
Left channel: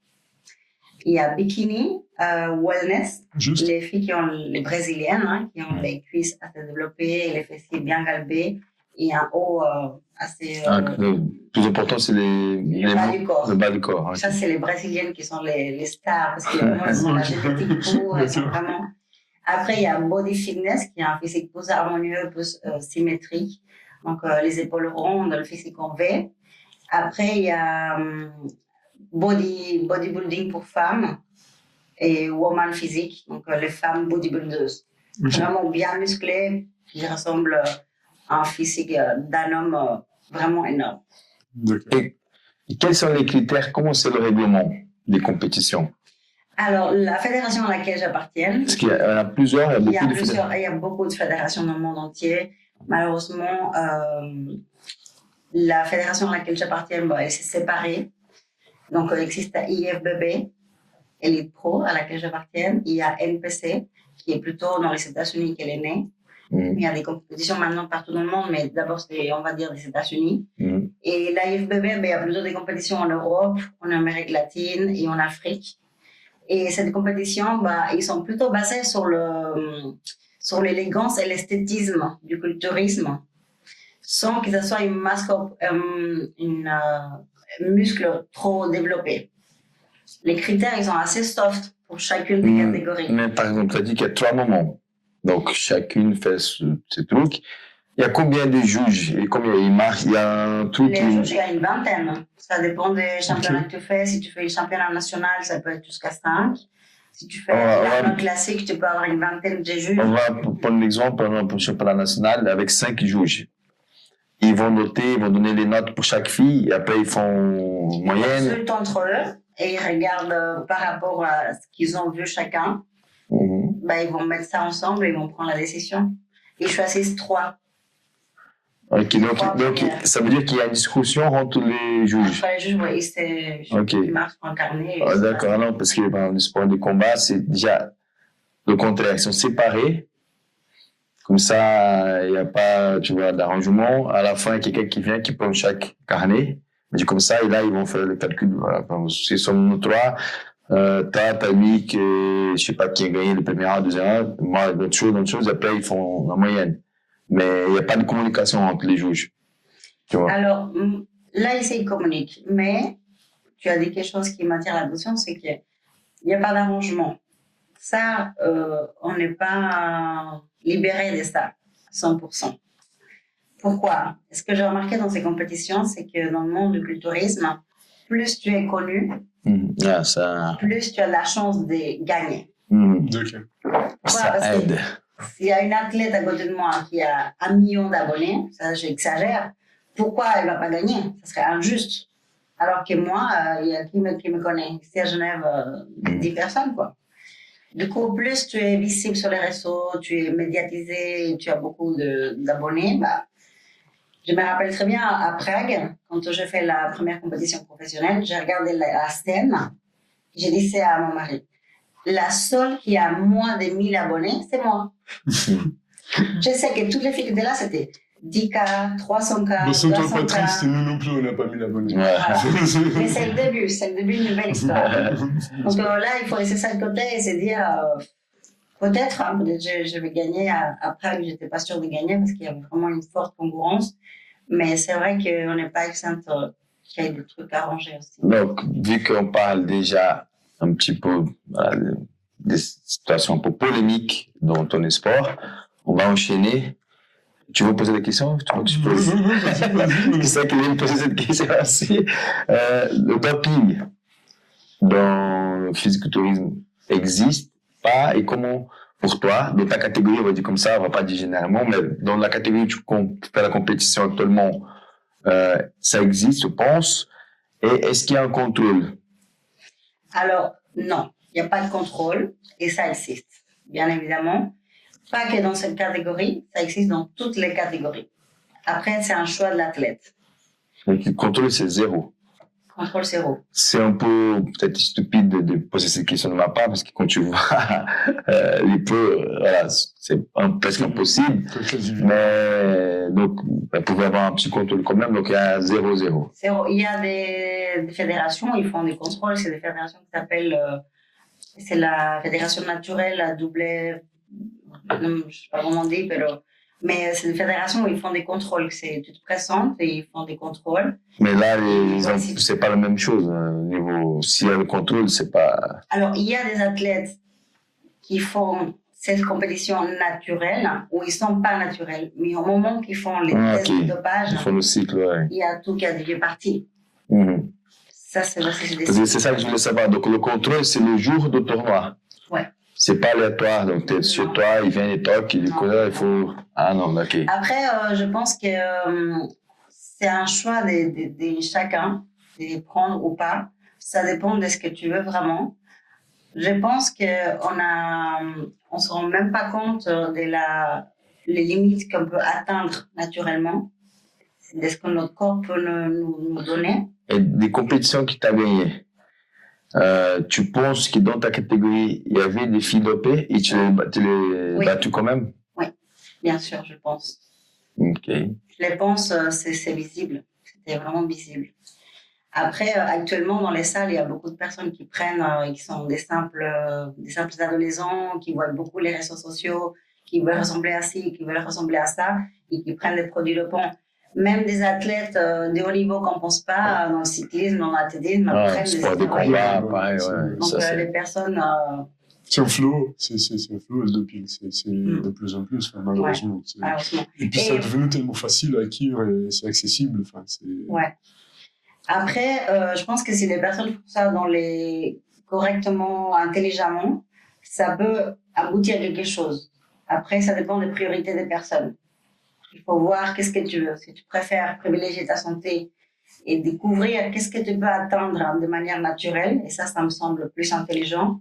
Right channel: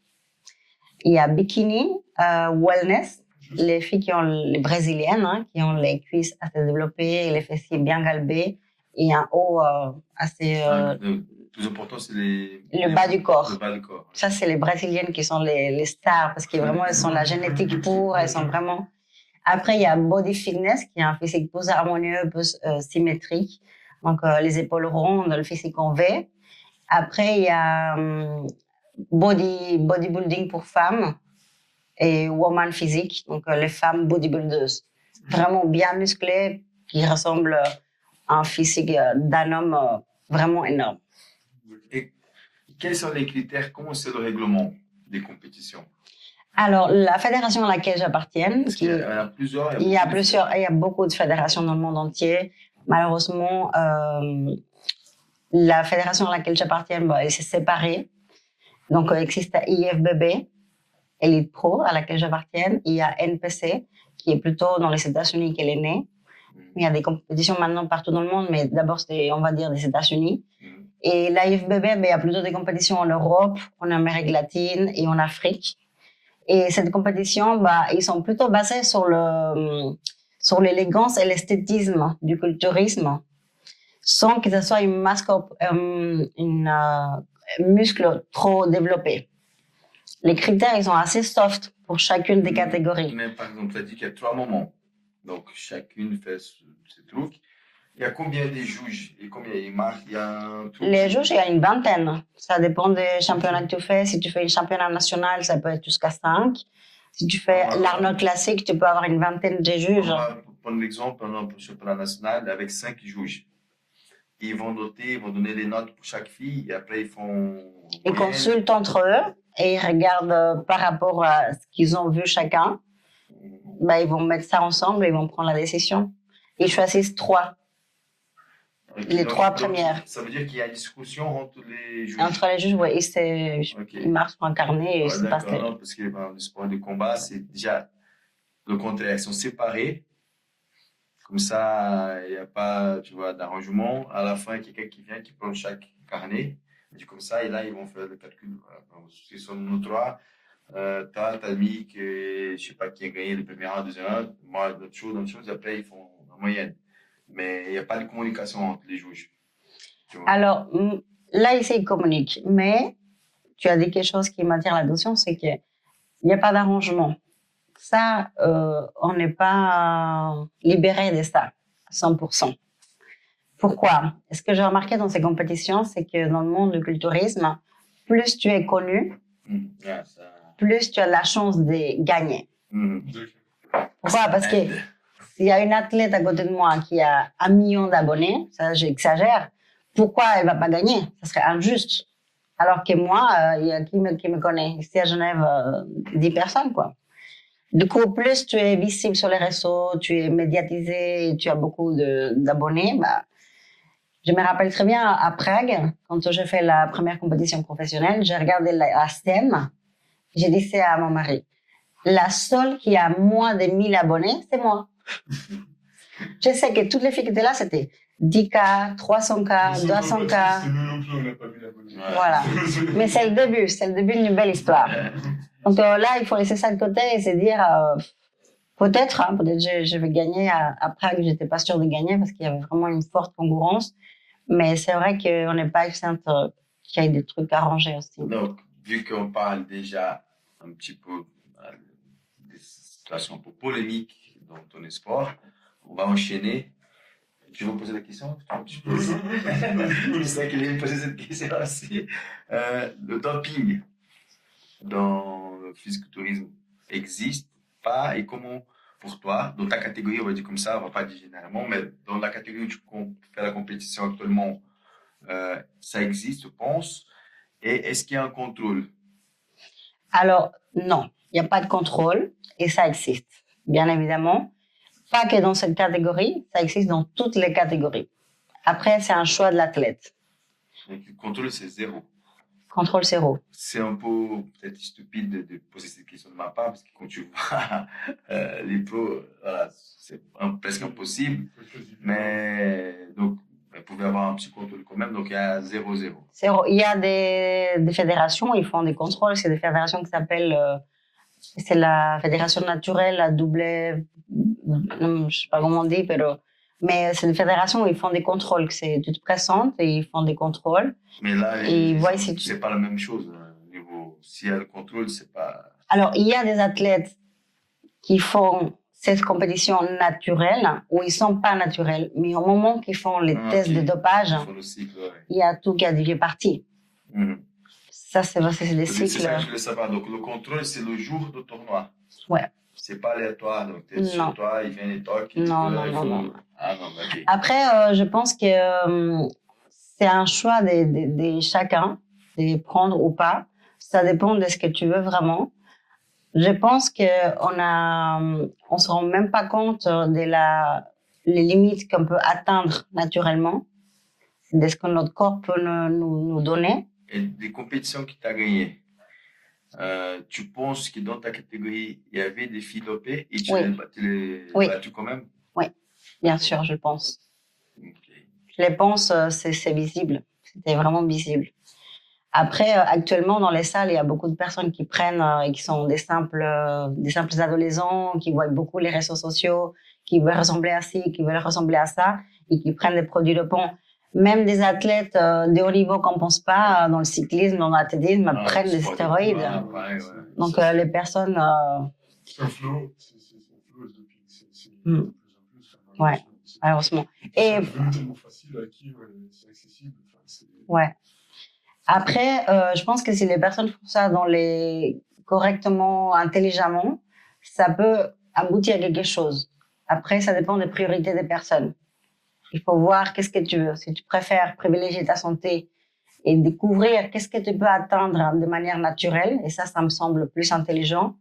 il y a bikini, wellness. Juste. Les filles qui ont les brésiliennes, qui ont les cuisses assez développées et les fessiers bien galbés. Et un haut assez. Le plus important, c'est le bas du corps. Le bas du corps. Ça, c'est les brésiliennes qui sont les stars parce que vraiment, elles sont la génétique pour, elles sont vraiment. Après, il y a body fitness qui est un physique plus harmonieux, plus symétrique. Donc, les épaules rondes, le physique en V. Après, il y a bodybuilding pour femmes et woman physique, donc les femmes bodybuilders. Vraiment bien musclées, qui ressemblent à un physique d'un homme vraiment énorme. Et quels sont les critères? Comment c'est le règlement des compétitions? Alors, la fédération à laquelle j'appartiens... Parce qu'il y en a plusieurs. Il y a beaucoup de fédérations dans le monde entier. Malheureusement, la fédération à laquelle j'appartiens, elle s'est séparée. Donc, il existe IFBB, Elite Pro, à laquelle j'appartiens. Il y a NPC, qui est plutôt dans les États-Unis qu'elle est née. Il y a des compétitions maintenant partout dans le monde, mais d'abord, c'est, on va dire, des États-Unis. Et l'IFBB, il y a plutôt des compétitions en Europe, en Amérique latine et en Afrique. Et cette compétition, ils sont plutôt basés sur l'élégance et l'esthétisme du culturisme, sans que ce soit une muscle trop développé. Les critères, ils sont assez soft pour chacune des catégories. Mais par exemple, tu as dit qu'il y a 3 moments. Donc, chacune fait ce truc. Il y a combien de juges et combien ils marquent? Il y a un truc. Les juges, il y a une vingtaine. Ça dépend des championnats que tu fais. Si tu fais le championnat national, ça peut être jusqu'à 5. Si tu fais l'Arnold classique, tu peux avoir une vingtaine de juges. On va prendre l'exemple, par exemple, pour le championnat national, avec 5 juges. Ils vont noter, ils vont donner les notes pour chaque fille, et après ils font Ils consultent entre eux et ils regardent par rapport à ce qu'ils ont vu chacun. Ils vont mettre ça ensemble et ils vont prendre la décision. Ils choisissent 3. Okay, donc ça veut dire qu'il y a une discussion entre les juges. Entre les juges, oui, ils marquent sur un carnet. D'accord, non, parce que dans le sport de combat, c'est déjà le contraire. Ils sont séparés. Comme ça, il n'y a pas, tu vois, d'arrangement. À la fin, il y a quelqu'un qui vient, qui prend chaque carnet. Mais comme ça, et là, ils vont faire le calcul. Voilà. Si sommes nous 3, t'as lui que je sais pas qui a gagné le premier round, le deuxième round, moi, d'autres choses, après, ils font la moyenne. Mais il n'y a pas de communication entre les juges. Tu vois. Alors, là, ici, ils communiquent. Mais tu as dit quelque chose qui m'attire l'attention, c'est qu'il n'y a pas d'arrangement. Ça, on n'est pas libéré de ça, 100%. Pourquoi? Ce que j'ai remarqué dans ces compétitions, c'est que dans le monde du culturisme, plus tu es connu, plus tu as la chance de gagner. Ok. Pourquoi? Ça Parce aide. que s'il y a une athlète à côté de moi qui a 1 million d'abonnés, ça j'exagère, pourquoi elle ne va pas gagner? Ça serait injuste. Alors que moi, il y a qui me connaît? Ici à Genève, 10 personnes, quoi. Du coup, plus tu es visible sur les réseaux, tu es médiatisé, tu as beaucoup d'abonnés, bah, je me rappelle très bien à Prague, quand j'ai fait la première compétition professionnelle, j'ai regardé la scène, j'ai dit c'est à mon mari. La seule qui a moins de 1000 abonnés, c'est moi. Je sais que toutes les filles qui étaient là, c'était 10K, 300K, Sois pas 200K. triste, nous non plus, on n'a pas mis l'abonné. Voilà. Mais c'est le début d'une belle histoire. Donc là, il faut laisser ça de côté et se dire, peut-être je vais gagner. À Prague, j'étais pas sûre de gagner parce qu'il y avait vraiment une forte concurrence. Mais c'est vrai qu'on n'est pas exempt qu'il y ait des trucs à ranger aussi. Donc, vu qu'on parle déjà un petit peu des situations un peu polémiques dans ton sport, on va enchaîner. Tu veux poser des questions? Tu veux que je pose? Je sais qu'il aime poser cette question aussi. Le doping dans le physiculturisme existe pas et comment, pour toi, dans ta catégorie, on va dire comme ça, on va pas dire généralement, mais dans la catégorie où tu fais la compétition actuellement, ça existe, je pense. Et est-ce qu'il y a un contrôle? Alors, non, il n'y a pas de contrôle et ça existe, bien évidemment. Pas que dans cette catégorie, ça existe dans toutes les catégories. Après, c'est un choix de l'athlète. Donc, le contrôle, c'est zéro. Contrôle zéro. C'est un peu peut-être stupide de poser cette question de ma part parce que quand tu vois les peu, voilà, c'est presque impossible. Mais donc, elle pouvait avoir un petit contrôle quand même, donc il y a 0-0. Il y a des fédérations, ils font des contrôles. C'est des fédérations qui s'appellent, c'est la fédération naturelle, la double, je ne sais pas comment on dit, mais c'est une fédération où ils font des contrôles. Tu te présentes et ils font des contrôles. Mais là, c'est pas la même chose. S'il y a le contrôle, c'est pas. Alors, il y a des athlètes qui font cette compétition naturelle ou ils sont pas naturels. Mais au moment qu'ils font les tests de dopage, ils font le cycle, ouais. Il y a tout qui est parti. Ça, c'est des cycles. C'est ça que je voulais savoir. Donc, le contrôle, c'est le jour du tournoi. Ouais. C'est pas aléatoire, donc tu es sur toi, il vient les tocs, il faut. Ah non, ok. Après, je pense que c'est un choix de chacun, de prendre ou pas. Ça dépend de ce que tu veux vraiment. Je pense qu'on se rend même pas compte les limites qu'on peut atteindre naturellement, de ce que notre corps peut nous donner. Et des compétitions que tu as gagnées. Tu penses que dans ta catégorie, il y avait des filles dopées et tu les battues quand même? Oui, bien sûr, je pense. Ok. Je les pense, c'est visible. C'était vraiment visible. Après, actuellement, dans les salles, il y a beaucoup de personnes qui prennent et qui sont des simples adolescents, qui voient beaucoup les réseaux sociaux, qui veulent ressembler à ci, qui veulent ressembler à ça, et qui prennent des produits dopants. Même des athlètes de haut niveau qu'on ne pense pas dans le cyclisme, dans l'athlétisme, prennent des stéroïdes. Donc les personnes... C'est un flot, le doping, c'est de plus en plus, malheureusement. Malheureusement. Et puis ça est devenu tellement facile à acquérir et c'est accessible. Ouais. Après, je pense que si les personnes font ça correctement, intelligemment, ça peut aboutir à quelque chose. Après, ça dépend des priorités des personnes. Il faut voir qu'est-ce que tu veux. Si tu préfères privilégier ta santé et découvrir qu'est-ce que tu peux atteindre de manière naturelle, et ça me semble plus intelligent.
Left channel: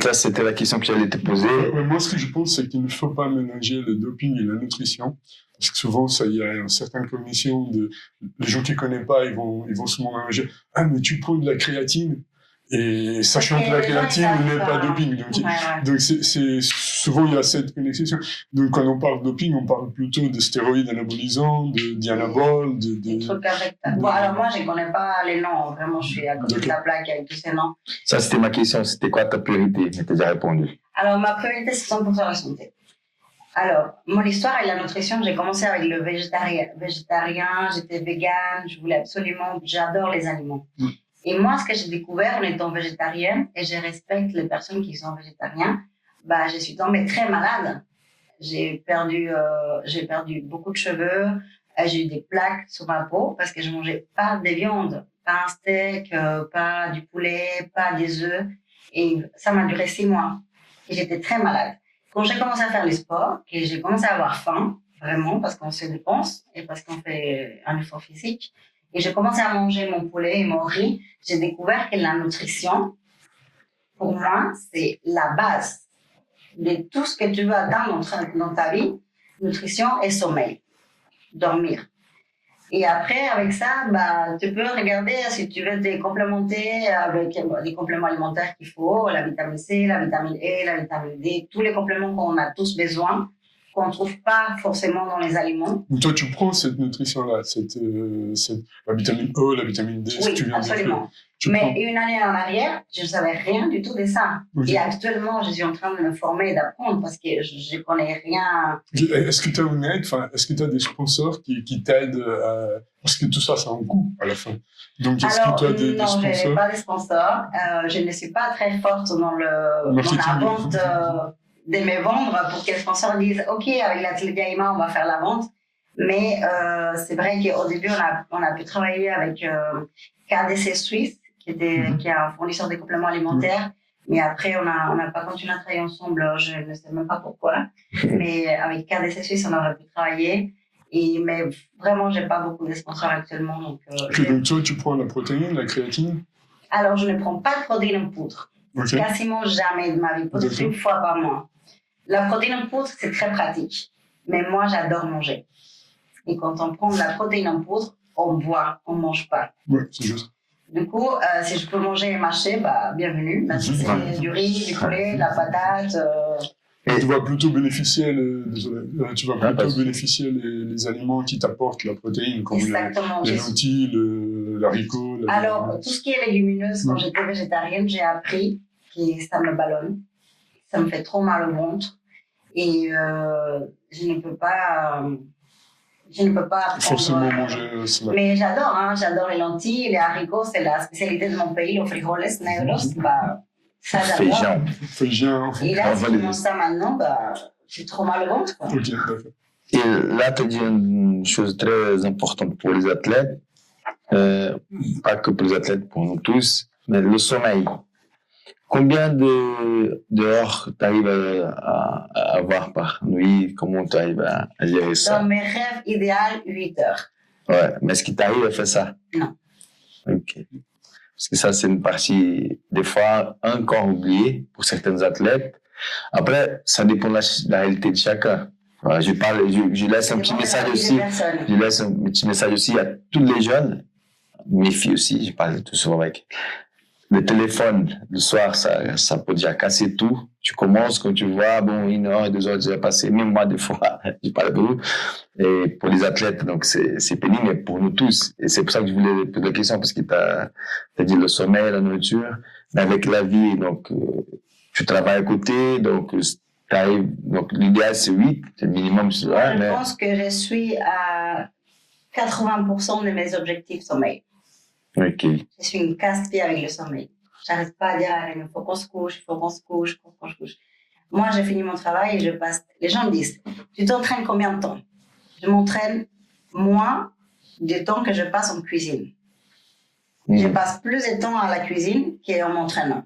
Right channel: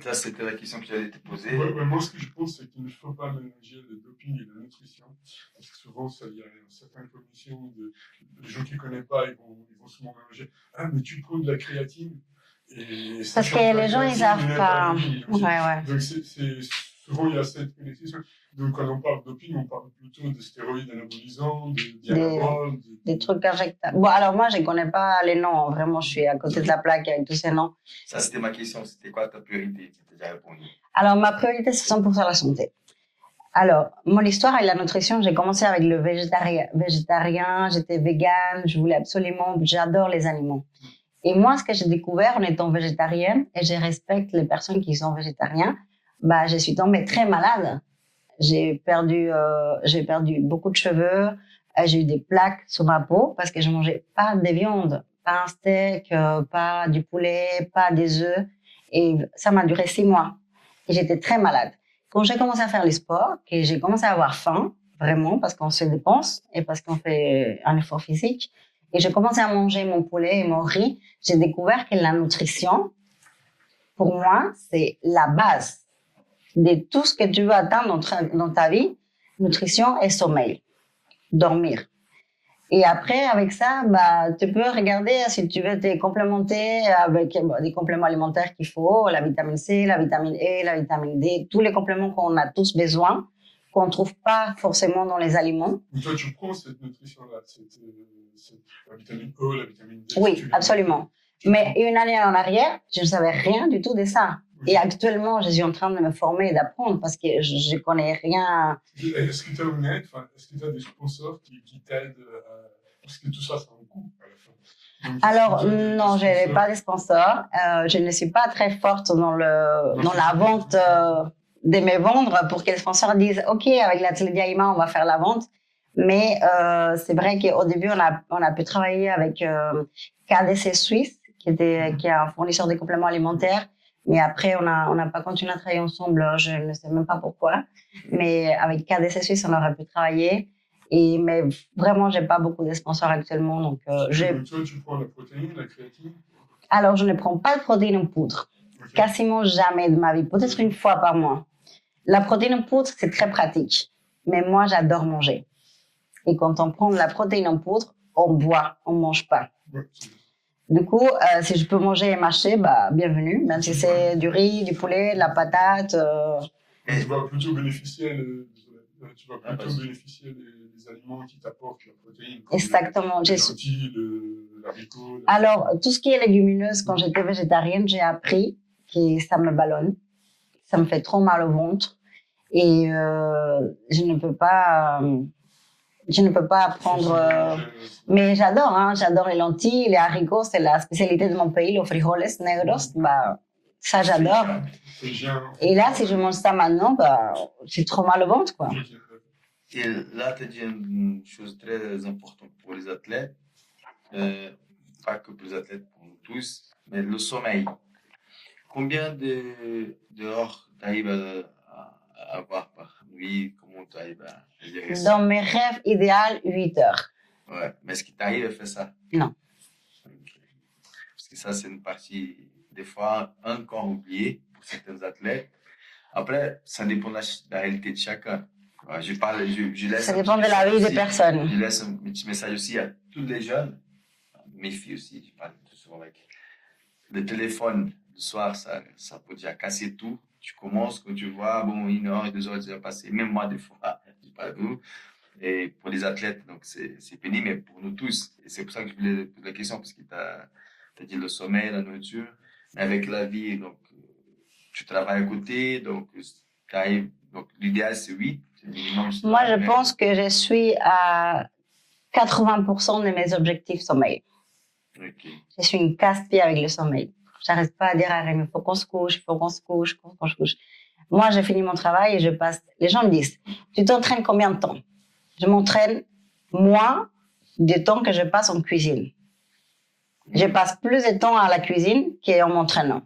Ça, c'était la question que j'allais te poser. Moi, ce que je pense, c'est qu'il ne faut pas mélanger le doping et la nutrition. Parce que souvent, il y a une certaine cognition les gens qui ne connaissent pas, ils vont souvent mélanger. Ah, mais tu prends de la créatine. Et sachant que la créatine n'est pas doping. Donc souvent, il y a cette connexion. Donc, quand on parle doping, on parle plutôt de stéroïdes anabolisants, de dianabol, des trucs injectables. Bon, alors moi, je ne connais pas les noms. Vraiment, je suis à côté de la plaque avec tous ces noms. Ça, c'était ma question. C'était quoi ta priorité? Je t'ai déjà répondu. Alors, ma priorité, c'est 100% la santé. Alors, mon histoire et la nutrition, j'ai commencé avec le végétarien, j'étais végane, je voulais absolument, j'adore les animaux. Et moi, ce que j'ai découvert en étant végétarienne, et je respecte les personnes qui sont végétariens, je suis tombée très malade. j'ai perdu beaucoup de cheveux. J'ai eu des plaques sur ma peau parce que je mangeais pas de viande, pas un steak, pas du poulet, pas des œufs. Et ça m'a duré 6 mois. Et j'étais très malade. Quand j'ai commencé à faire le sport, que j'ai commencé à avoir faim, vraiment, parce qu'on se dépense et parce qu'on fait un effort physique, et j'ai commencé à manger mon poulet et mon riz, j'ai découvert que la nutrition, pour moi, c'est la base de tout ce que tu veux atteindre dans ta vie, nutrition et sommeil, dormir. Et après, avec ça, bah, tu peux regarder si tu veux te complémenter avec des compléments alimentaires qu'il faut, la vitamine C, la vitamine E, la vitamine D, tous les compléments qu'on a tous besoin, qu'on ne trouve pas forcément dans les aliments. Donc toi, tu prends cette nutrition-là, la vitamine E, la vitamine D, Oui, tu viens absolument. Mais une année en arrière, je ne savais rien du tout de ça. Okay. Et actuellement, je suis en train de me former et d'apprendre parce que je ne connais rien. Est-ce que tu as une aide, est-ce que tu as des sponsors qui t'aident parce que tout ça, ça a un coût à la fin. Donc, alors, non, je n'ai pas de sponsors. Je ne suis pas très forte dans la vente de me vendre pour que les sponsors disent « Ok, avec l'atelier d'Aïma, on va faire la vente ». Mais c'est vrai qu'au début, on a pu travailler avec KDC Suisse, qui est un fournisseur de compléments alimentaires. Mais après, on n'a pas continué à travailler ensemble. Je ne sais même pas pourquoi. Mais avec KDC Suisse, on aurait pu travailler. Mais vraiment, je n'ai pas beaucoup de sponsors actuellement. Donc, toi, tu prends la protéine, la créatine? Alors, je ne prends pas de protéine en poudre. Okay. Quasiment jamais de ma vie. Peut-être une fois par mois. La protéine en poudre, c'est très pratique. Mais moi, j'adore manger. Et quand on prend de la protéine en poudre, on boit, on ne mange pas. Oui, c'est juste. Du coup, si je peux manger et mâcher, bah, bienvenue. Même si c'est du riz, du poulet, de la patate. Tu vas plutôt bénéficier, les aliments qui t'apportent la protéine, comme exactement. les lentilles, l'haricot. Alors, tout ce qui est légumineuse, quand j'étais végétarienne, j'ai appris que ça me ballonne. Ça me fait trop mal au ventre. Et je ne peux pas prendre. Mais j'adore les lentilles, les haricots, c'est la spécialité de mon pays, les frijoles negros. Bah, ça, j'adore. Et là, si je mange ça maintenant, bah, j'ai trop mal au ventre, quoi. Okay, et là, tu as dit une chose très importante pour les athlètes, pas que pour les athlètes, pour nous tous, mais le sommeil. Combien d'heures tu arrives à avoir par nuit? Comment tu arrives à gérer ça? Dans mes rêves idéaux, 8 heures. Ouais, mais est-ce qu'il t'arrive à faire ça? Non. Ok. Parce que ça, c'est une partie, des fois, encore oubliée pour certains athlètes. Après, ça dépend de la réalité de chacun. Voilà, je laisse un petit message aussi. Je laisse un petit message aussi à tous les jeunes, mes filles aussi, je parle tout souvent avec. Le téléphone, le soir, ça peut déjà casser tout. Tu commences, quand tu vois, bon, 1 heure, 2 heures déjà passé. Même moi, des fois, je parle de vous. Et pour les athlètes, donc, c'est pénible, mais pour nous tous. Et c'est pour ça que je voulais poser la question, parce que t'as dit le sommeil, la nourriture. Mais avec la vie, donc, tu travailles à côté, donc, donc l'idéal, c'est 8, c'est le minimum. Moi, je pense que je suis à 80% de mes objectifs sommeil. Okay. Je suis une casse-pied avec le sommeil. J'arrête pas à dire à Rémi, il faut qu'on se couche, Moi, j'ai fini mon travail et je passe. Les gens me disent, tu t'entraînes combien de temps? Je m'entraîne moins du temps que je passe en cuisine. Je passe plus de temps à la cuisine qu'en m'entraînant.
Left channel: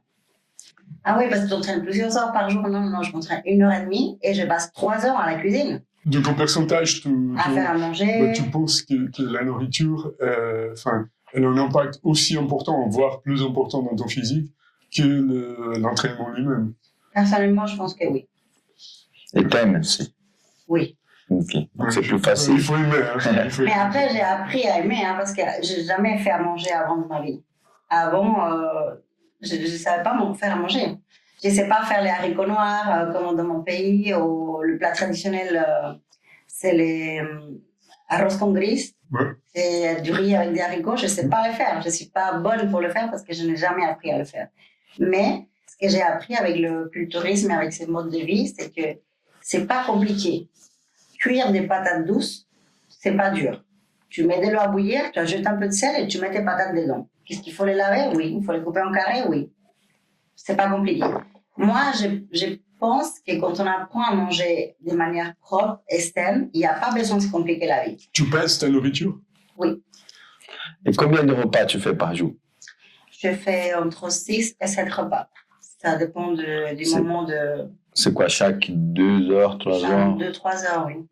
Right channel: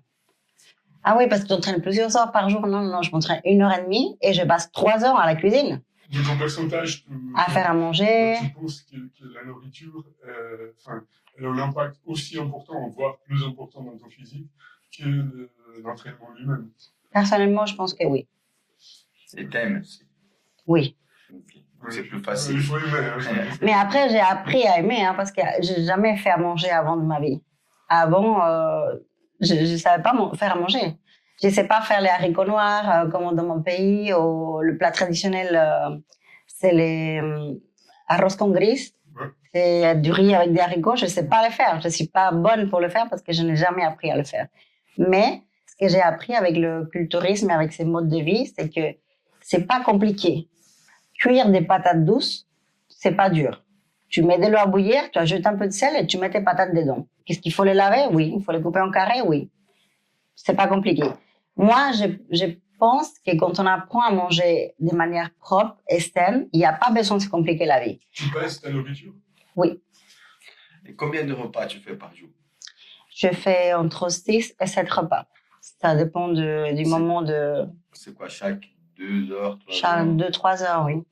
Ah oui, parce que tu t'entraînes plusieurs heures par jour. Non, je m'entraîne 1h30 et je passe 3 heures à la cuisine. De ton pourcentage, à faire à manger. Tu penses que la nourriture, elle a un impact aussi important, voire plus important dans ton physique que l'entraînement lui-même? Personnellement, je pense que oui. Et t'aimes aussi? Oui. Ok, donc c'est plus facile. Il faut aimer. Mais après, j'ai appris à aimer, parce que je n'ai jamais fait à manger avant de ma vie. Avant, je ne savais pas faire à manger. Je ne sais pas faire les haricots noirs, comme dans mon pays, ou le plat traditionnel, c'est les arroz con gris. Ouais. C'est du riz avec des haricots, je ne sais pas le faire. Je ne suis pas bonne pour le faire parce que je n'ai jamais appris à le faire. Mais ce que j'ai appris avec le culturisme et avec ces modes de vie, c'est que ce n'est pas compliqué. Cuire des patates douces, ce n'est pas dur. Tu mets de l'eau à bouillir, tu ajoutes un peu de sel et tu mets tes patates dedans. Qu'est-ce qu'il faut les laver? Oui. Il faut les couper en carrés? Oui. C'est pas compliqué. Moi, j'ai pense que quand on apprend à manger de manière propre et saine, il n'y a pas besoin de se compliquer la vie. Tu pèses ta nourriture? Oui. Et combien de repas tu fais par jour? Je fais entre 6 et 7 repas. Ça dépend du moment de... C'est quoi, chaque 2 heures, 3 heures? Chaque 2-3 heures, oui.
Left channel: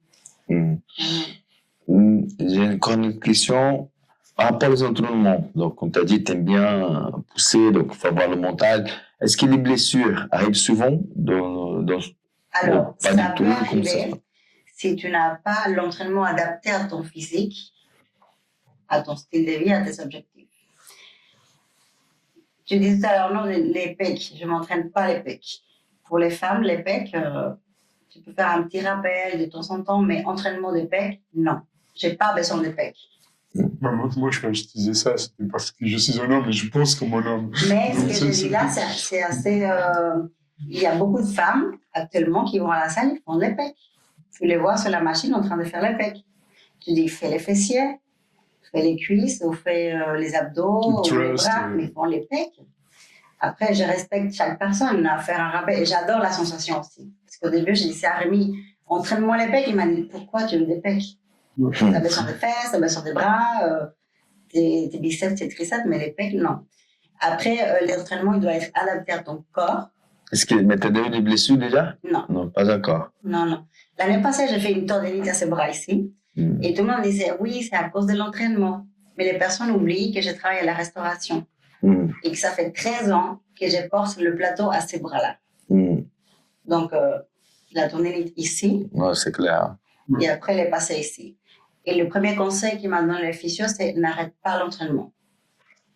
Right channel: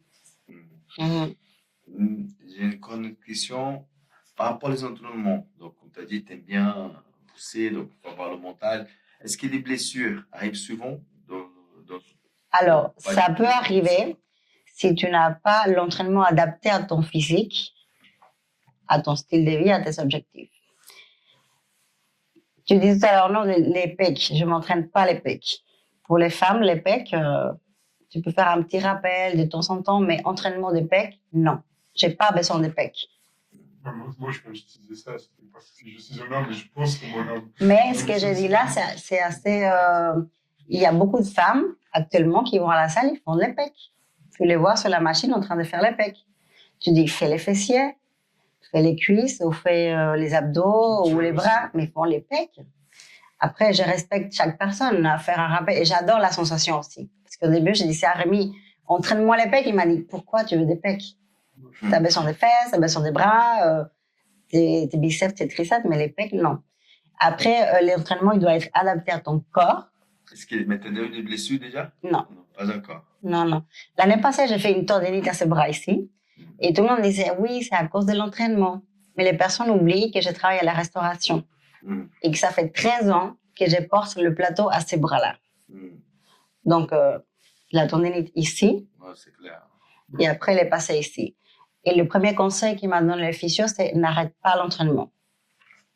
J'ai une grande question par rapport aux entraînements. Donc, on t'a dit, tu aimes bien pousser, donc il faut avoir le mental. Est-ce que les blessures arrivent souvent Alors, pas ça du peut tout, arriver si tu n'as pas l'entraînement adapté à ton physique, à ton style de vie, à tes objectifs. Tu disais tout à l'heure, non, les pecs, je ne m'entraîne pas les pecs. Pour les femmes, les pecs, tu peux faire un petit rappel de temps en temps, mais entraînement des pecs, non. Je n'ai pas besoin des pecs. Moi, quand je disais ça, c'était parce que je suis un homme et je pense comme un homme. Mais ce que je dis là, c'est assez... il y a beaucoup de femmes actuellement qui vont à la salle, ils font les pecs. Tu les vois sur la machine en train de faire les pecs. Tu dis, fais les fessiers, fais les cuisses, ou fais les abdos, ou les bras, mais ils font les pecs. Après, je respecte chaque personne à faire un rappel et j'adore la sensation aussi. Parce qu'au début, j'ai dit ça à Rémi, entraîne-moi les pecs. Il m'a dit, pourquoi tu veux des pecs? T'as besoin des fesses, t'as besoin des bras, tes biceps, tes triceps, mais les pecs, non. Après, l'entraînement, il doit être adapté à ton corps. Est-ce que tu as eu des blessures déjà? Non. Non, pas encore. Non. L'année passée, j'ai fait une tendinite à ce bras ici. Et tout le monde disait, oui, c'est à cause de l'entraînement. Mais les personnes oublient que je travaille à la restauration. Et que ça fait 13 ans que je porte le plateau à ces bras-là. Donc, la tendinite ici. Ouais, c'est clair. Et après, elle est passée ici. Et le premier conseil qu'il m'a donné le physio, c'est n'arrête pas l'entraînement.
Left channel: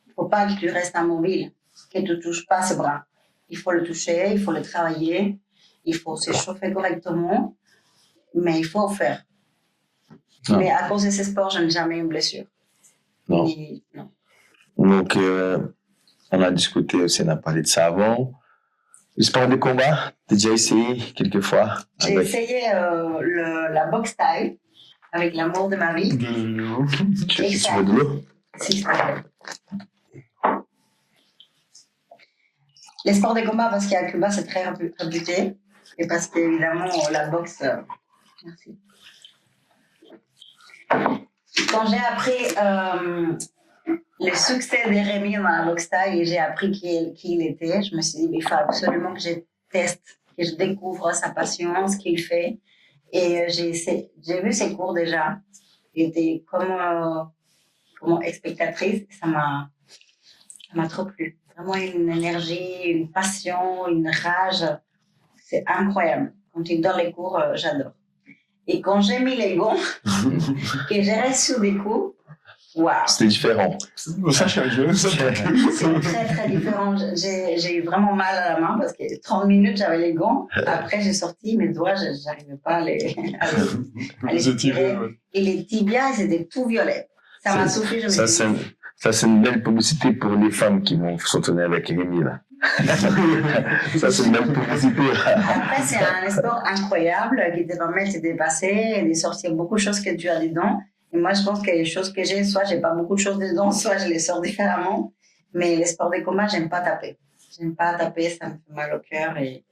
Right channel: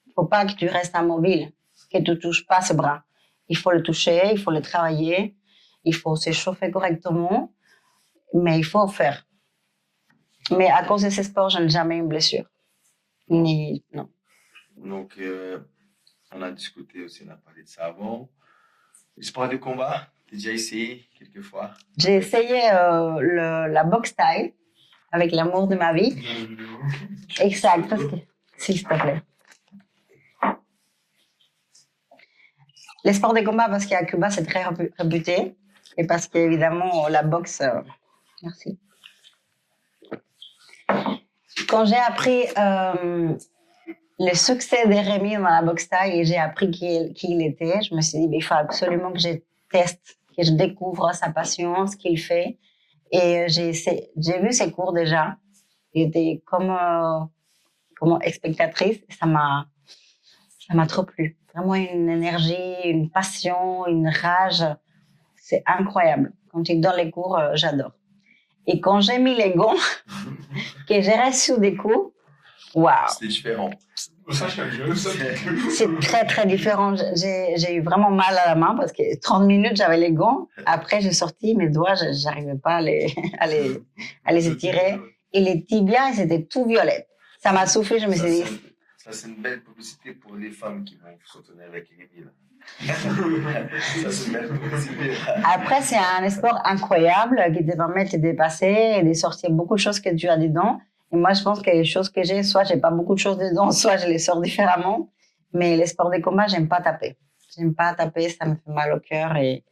Il ne faut pas que tu restes immobile, que tu ne touches pas ces bras. Il faut le toucher, il faut le travailler, il faut s'échauffer correctement, mais il faut faire. Non. Mais à cause de ces sports, je n'ai jamais eu une blessure. Non. Non. Donc, on a discuté aussi, on a parlé de ça avant. Le sport de combat, tu as déjà essayé quelques fois? J'ai essayé la boxe thaï avec l'amour de ma vie. Exact. S'il te plaît. Les sports de combat, parce qu'à Cuba, c'est très réputé. Et parce qu'évidemment, la boxe... Merci. Quand j'ai appris le succès de Rémi dans la boxe thaï et j'ai appris qui il était, je me suis dit, il faut absolument que je teste, que je découvre sa passion, ce qu'il fait. Et j'ai vu ses cours déjà. J'étais comme spectatrice. Ça m'a trop plu. Vraiment une énergie, une passion, une rage. C'est incroyable. Quand il donne les cours, j'adore. Et quand j'ai mis les gants, que j'ai reçu des coups, waouh! C'était différent. C'est très, très différent. J'ai eu vraiment mal à la main parce que 30 minutes, j'avais les gants. Après, j'ai sorti mes doigts, je n'arrivais pas à les étirer. Et les tibias, ils étaient tout violets. Ça m'a soufflé, je me suis dit... Ça, c'est une belle publicité pour les femmes qui vont s'entraîner avec Rémi, là. Ça, c'est une belle publicité. Après, c'est un sport incroyable qui te permet de te dépasser et de sortir beaucoup de choses que tu as dedans. Et moi, je pense que les choses que j'ai, soit j'ai pas beaucoup de choses dedans, soit je les sors différemment. Mais les sports de combat, j'aime pas taper. J'aime pas taper, ça me fait mal au cœur. Et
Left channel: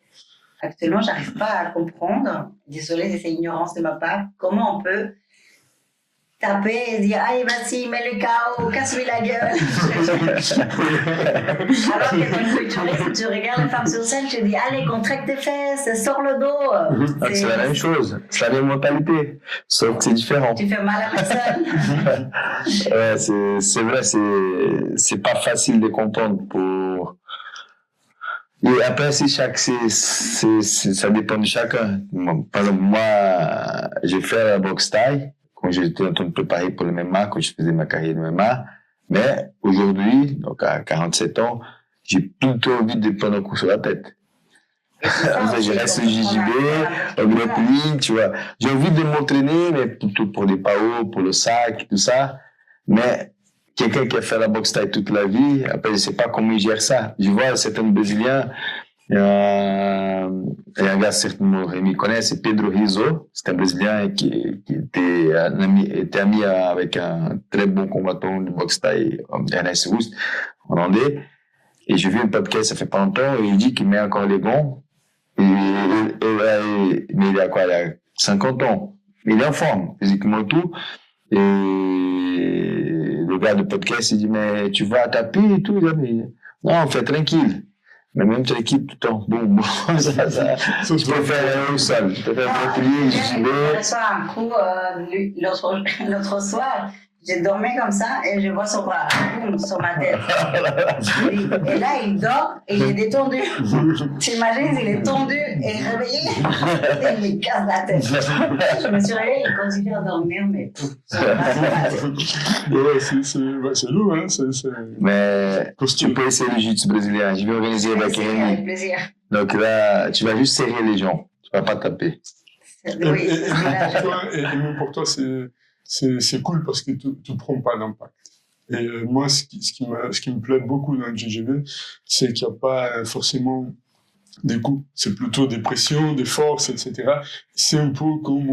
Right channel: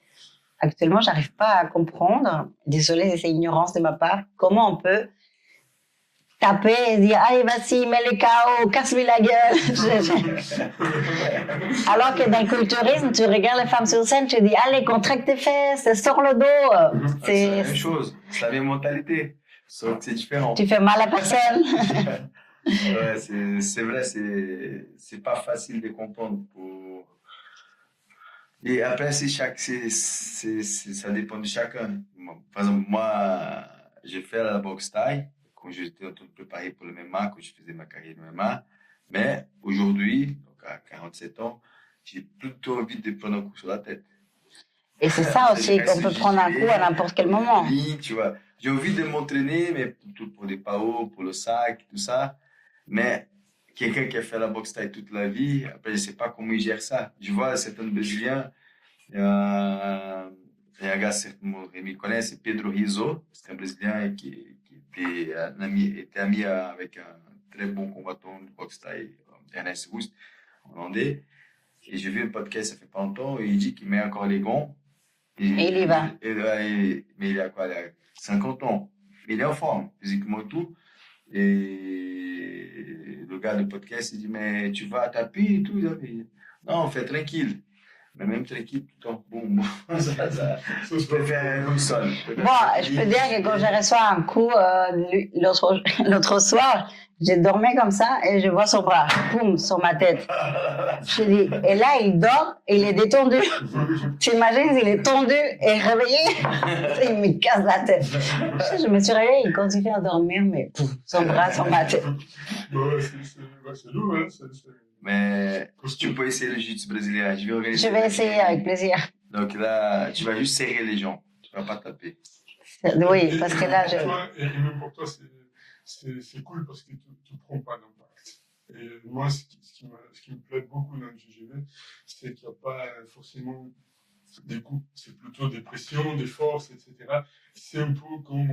actuellement, j'arrive pas à comprendre, désolée, c'est ignorance de ma part, comment on peut taper et dire allez vas-y mets le KO, casse-lui la gueule. Alors que dans le culturisme tu regardes les femmes sur scène, tu dis allez contracte tes fesses, sors le dos. C'est la même chose, c'est la même mentalité, sauf que c'est différent. Tu fais mal à personne. Ouais, c'est vrai, c'est pas facile de comprendre pour... Et après, ça dépend de chacun. Par exemple, moi, j'ai fait la boxe thaï quand j'étais en train de préparer pour le MMA, quand je faisais ma carrière de MMA. Mais aujourd'hui, donc à 47 ans, j'ai plutôt envie de prendre un coup sur la tête. Et c'est ça aussi, qu'on peut prendre un coup à n'importe quel moment. Tu vois. J'ai envie de m'entraîner, mais plutôt pour des PAO, pour le sac, tout ça. Mais quelqu'un qui a fait la boxe thaï toute la vie, après, je ne sais pas comment il gère ça. Je vois certains Brésiliens, il y a un gars, certainement Rémi connaît, c'est Pedro Rizzo. C'est un Brésilien qui était ami avec un très bon combattant de boxe thaï, Ernest Rust, hollandais. Et j'ai vu un podcast, ça fait pas longtemps, et il dit qu'il met encore les gants. Mais il a quoi? Il a 50 ans. Mais il est en forme, physiquement et tout. Et le gars de podcast, il dit, mais tu vas taper et tout. Il dit, mais non, fais tranquille. Mais même tranquille tout le temps. Bon, je préfère au sol. Je peux dire que quand j'ai reçu un coup l'autre soir, j'ai dormi comme ça et je vois son bras, boum, sur ma tête. Et là, il dort et il est détendu. T'imagines, il est tendu et réveillé, il me casse la tête. Je me suis réveillée, il continue à dormir, mais son bras sur ma tête. C'est lourd, hein. Mais tu peux essayer le jiu-jitsu brésilien. Je vais organiser essayer avec plaisir. Donc là, tu vas juste serrer les gens. Tu ne vas pas taper. Oui, parce que là, et même pour toi, c'est cool parce que tu ne prends pas d'impact. Et moi, ce qui me plaît beaucoup dans le GGB, c'est qu'il n'y a pas forcément des coups. C'est plutôt des pressions, des forces, etc. C'est un peu comme,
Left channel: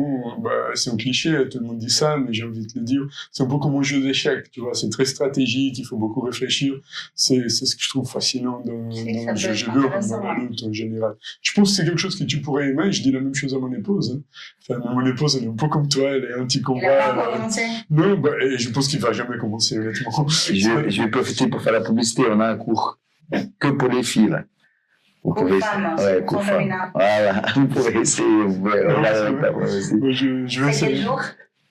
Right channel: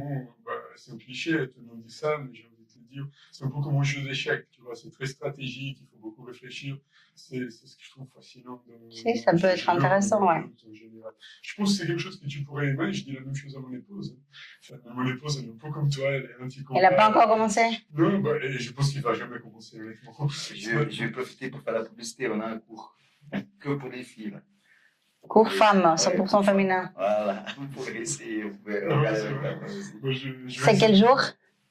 c'est un cliché, tout le monde dit ça, mais j'ai envie de le dire, c'est un peu comme un jeu d'échecs, tu vois, c'est très stratégique, il faut beaucoup réfléchir. C'est ce que je trouve fascinant dans le GGB, en général. Je pense que c'est quelque chose que tu pourrais aimer, je dis la même chose à mon épouse. Hein. Enfin, mon épouse, elle est un peu comme toi, elle est anti-combat. Elle n'a pas encore commencé? Non, et je pense qu'il ne va jamais commencer, honnêtement. Je vais profiter pour faire la publicité, on a un cours que pour les filles, là. Cours femmes, 100% féminin. Voilà, vous pouvez essayer. C'est quel jour?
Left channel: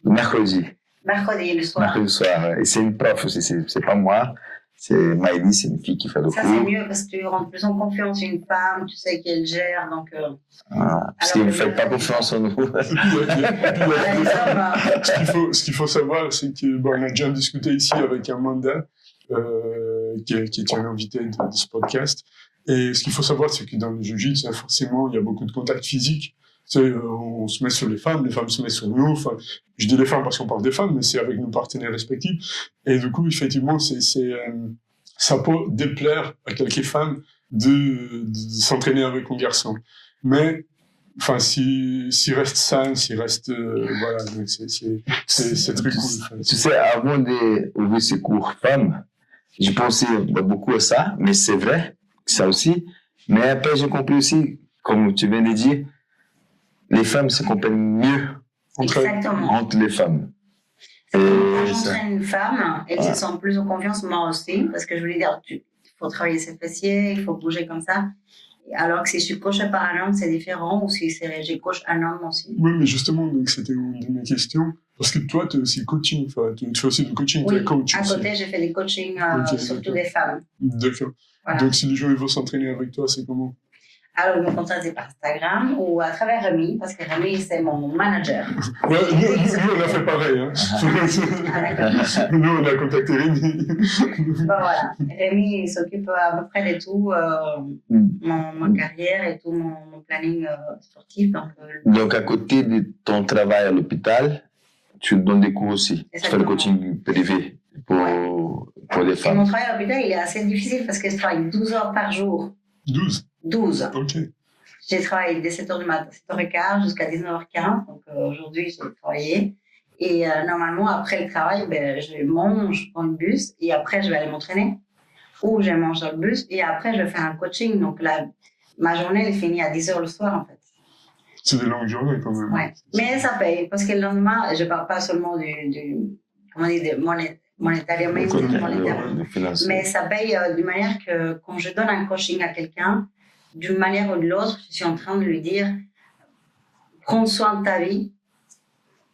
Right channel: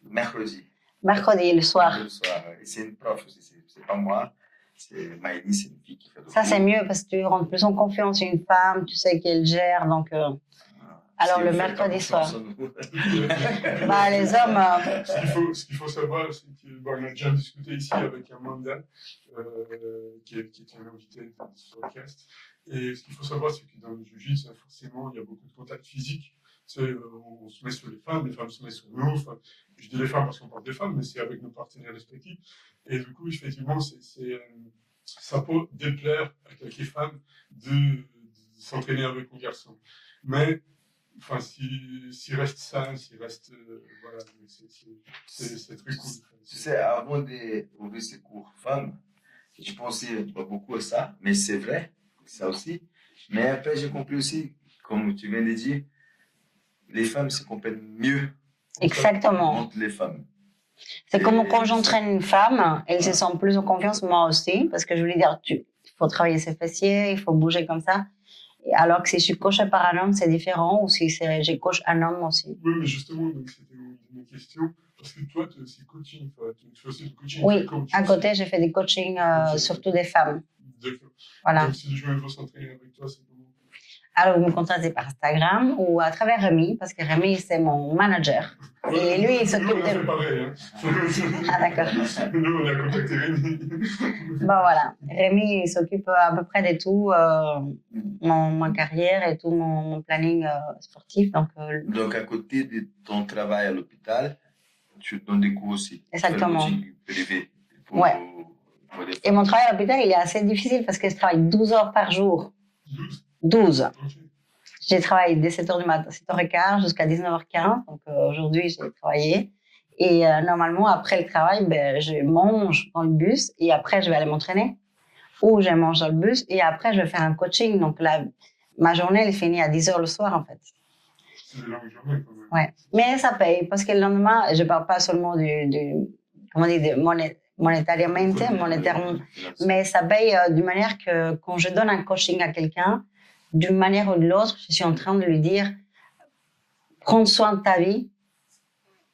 Mercredi. Mercredi, le soir. Mercredi, le soir. Et c'est une prof aussi, c'est pas moi. C'est Maïli, c'est une fille qui fait le cours. Ça, c'est mieux parce que tu rentres plus en confiance. Une femme, tu sais qu'elle gère, donc... Parce que vous ne faites pas confiance en nous. Les hommes... Ce qu'il faut savoir, c'est qu'on a déjà discuté ici avec Amanda, qui est un invité de ce podcast. Et ce qu'il faut savoir, c'est que dans le jiu-jitsu, forcément, il y a beaucoup de contacts physiques. On se met sur les femmes se mettent sur nous. Enfin, je dis les femmes parce qu'on parle des femmes, mais c'est avec nos partenaires respectifs. Et du coup, effectivement, ça peut déplaire à quelques femmes de s'entraîner avec un garçon. Mais, enfin, s'il reste sain, s'il reste, voilà, c'est très cool. Tu sais, avant d'ouvrir ces cours femmes, j'ai pensé beaucoup à ça, mais c'est vrai. Ça aussi, mais après j'ai compris aussi, comme tu viens de dire, les femmes se comprennent mieux entre les femmes. C'est comme quand j'entraîne une femme, elle se sent plus en confiance, moi aussi, parce que je voulais dire, il faut travailler ses fessiers, il faut bouger comme ça. Alors que si je suis coachée par un homme, c'est différent, ou si je coach un homme aussi. Oui, mais justement, donc c'était une de mes questions. Parce que toi, tu es aussi coaching, tu fais aussi du coaching, oui, tu es coach. À côté, j'ai fait des coachings, surtout des femmes. D'accord. Voilà. Donc si les gens veulent s'entraîner avec toi, c'est comment? Alors, ils me contactent par Instagram ou à travers Rémi, parce que Rémi, c'est mon manager. Nous, on a fait pareil. Hein. Ah, d'accord. Nous, on a contacté Rémi. Bon, voilà. Rémi, il s'occupe à peu près de tout, ma carrière et tout mon planning sportif. Donc, à côté de ton travail à l'hôpital, tu donnes des cours aussi. Exactement. Tu fais le coaching privé pour les femmes. Et mon travail à l'hôpital, il est assez difficile parce que je travaille 12 heures par jour. 12. Ok. J'ai travaillé dès 7h du matin, 7h15 jusqu'à 19h15. Donc aujourd'hui, j'ai travaillé. Et normalement, après le travail, je mange dans le bus et après, je vais aller m'entraîner. Ou je mange dans le bus et après, je vais faire un coaching. Donc ma journée, elle finit à 10h le soir, en fait. C'est des longues journées quand même. Ouais. Mais ça paye parce que le lendemain, je ne parle pas seulement monétairement, mais ça paye d'une manière que quand je donne un coaching à quelqu'un, d'une manière ou de l'autre, je suis en train de lui dire prends soin de ta vie,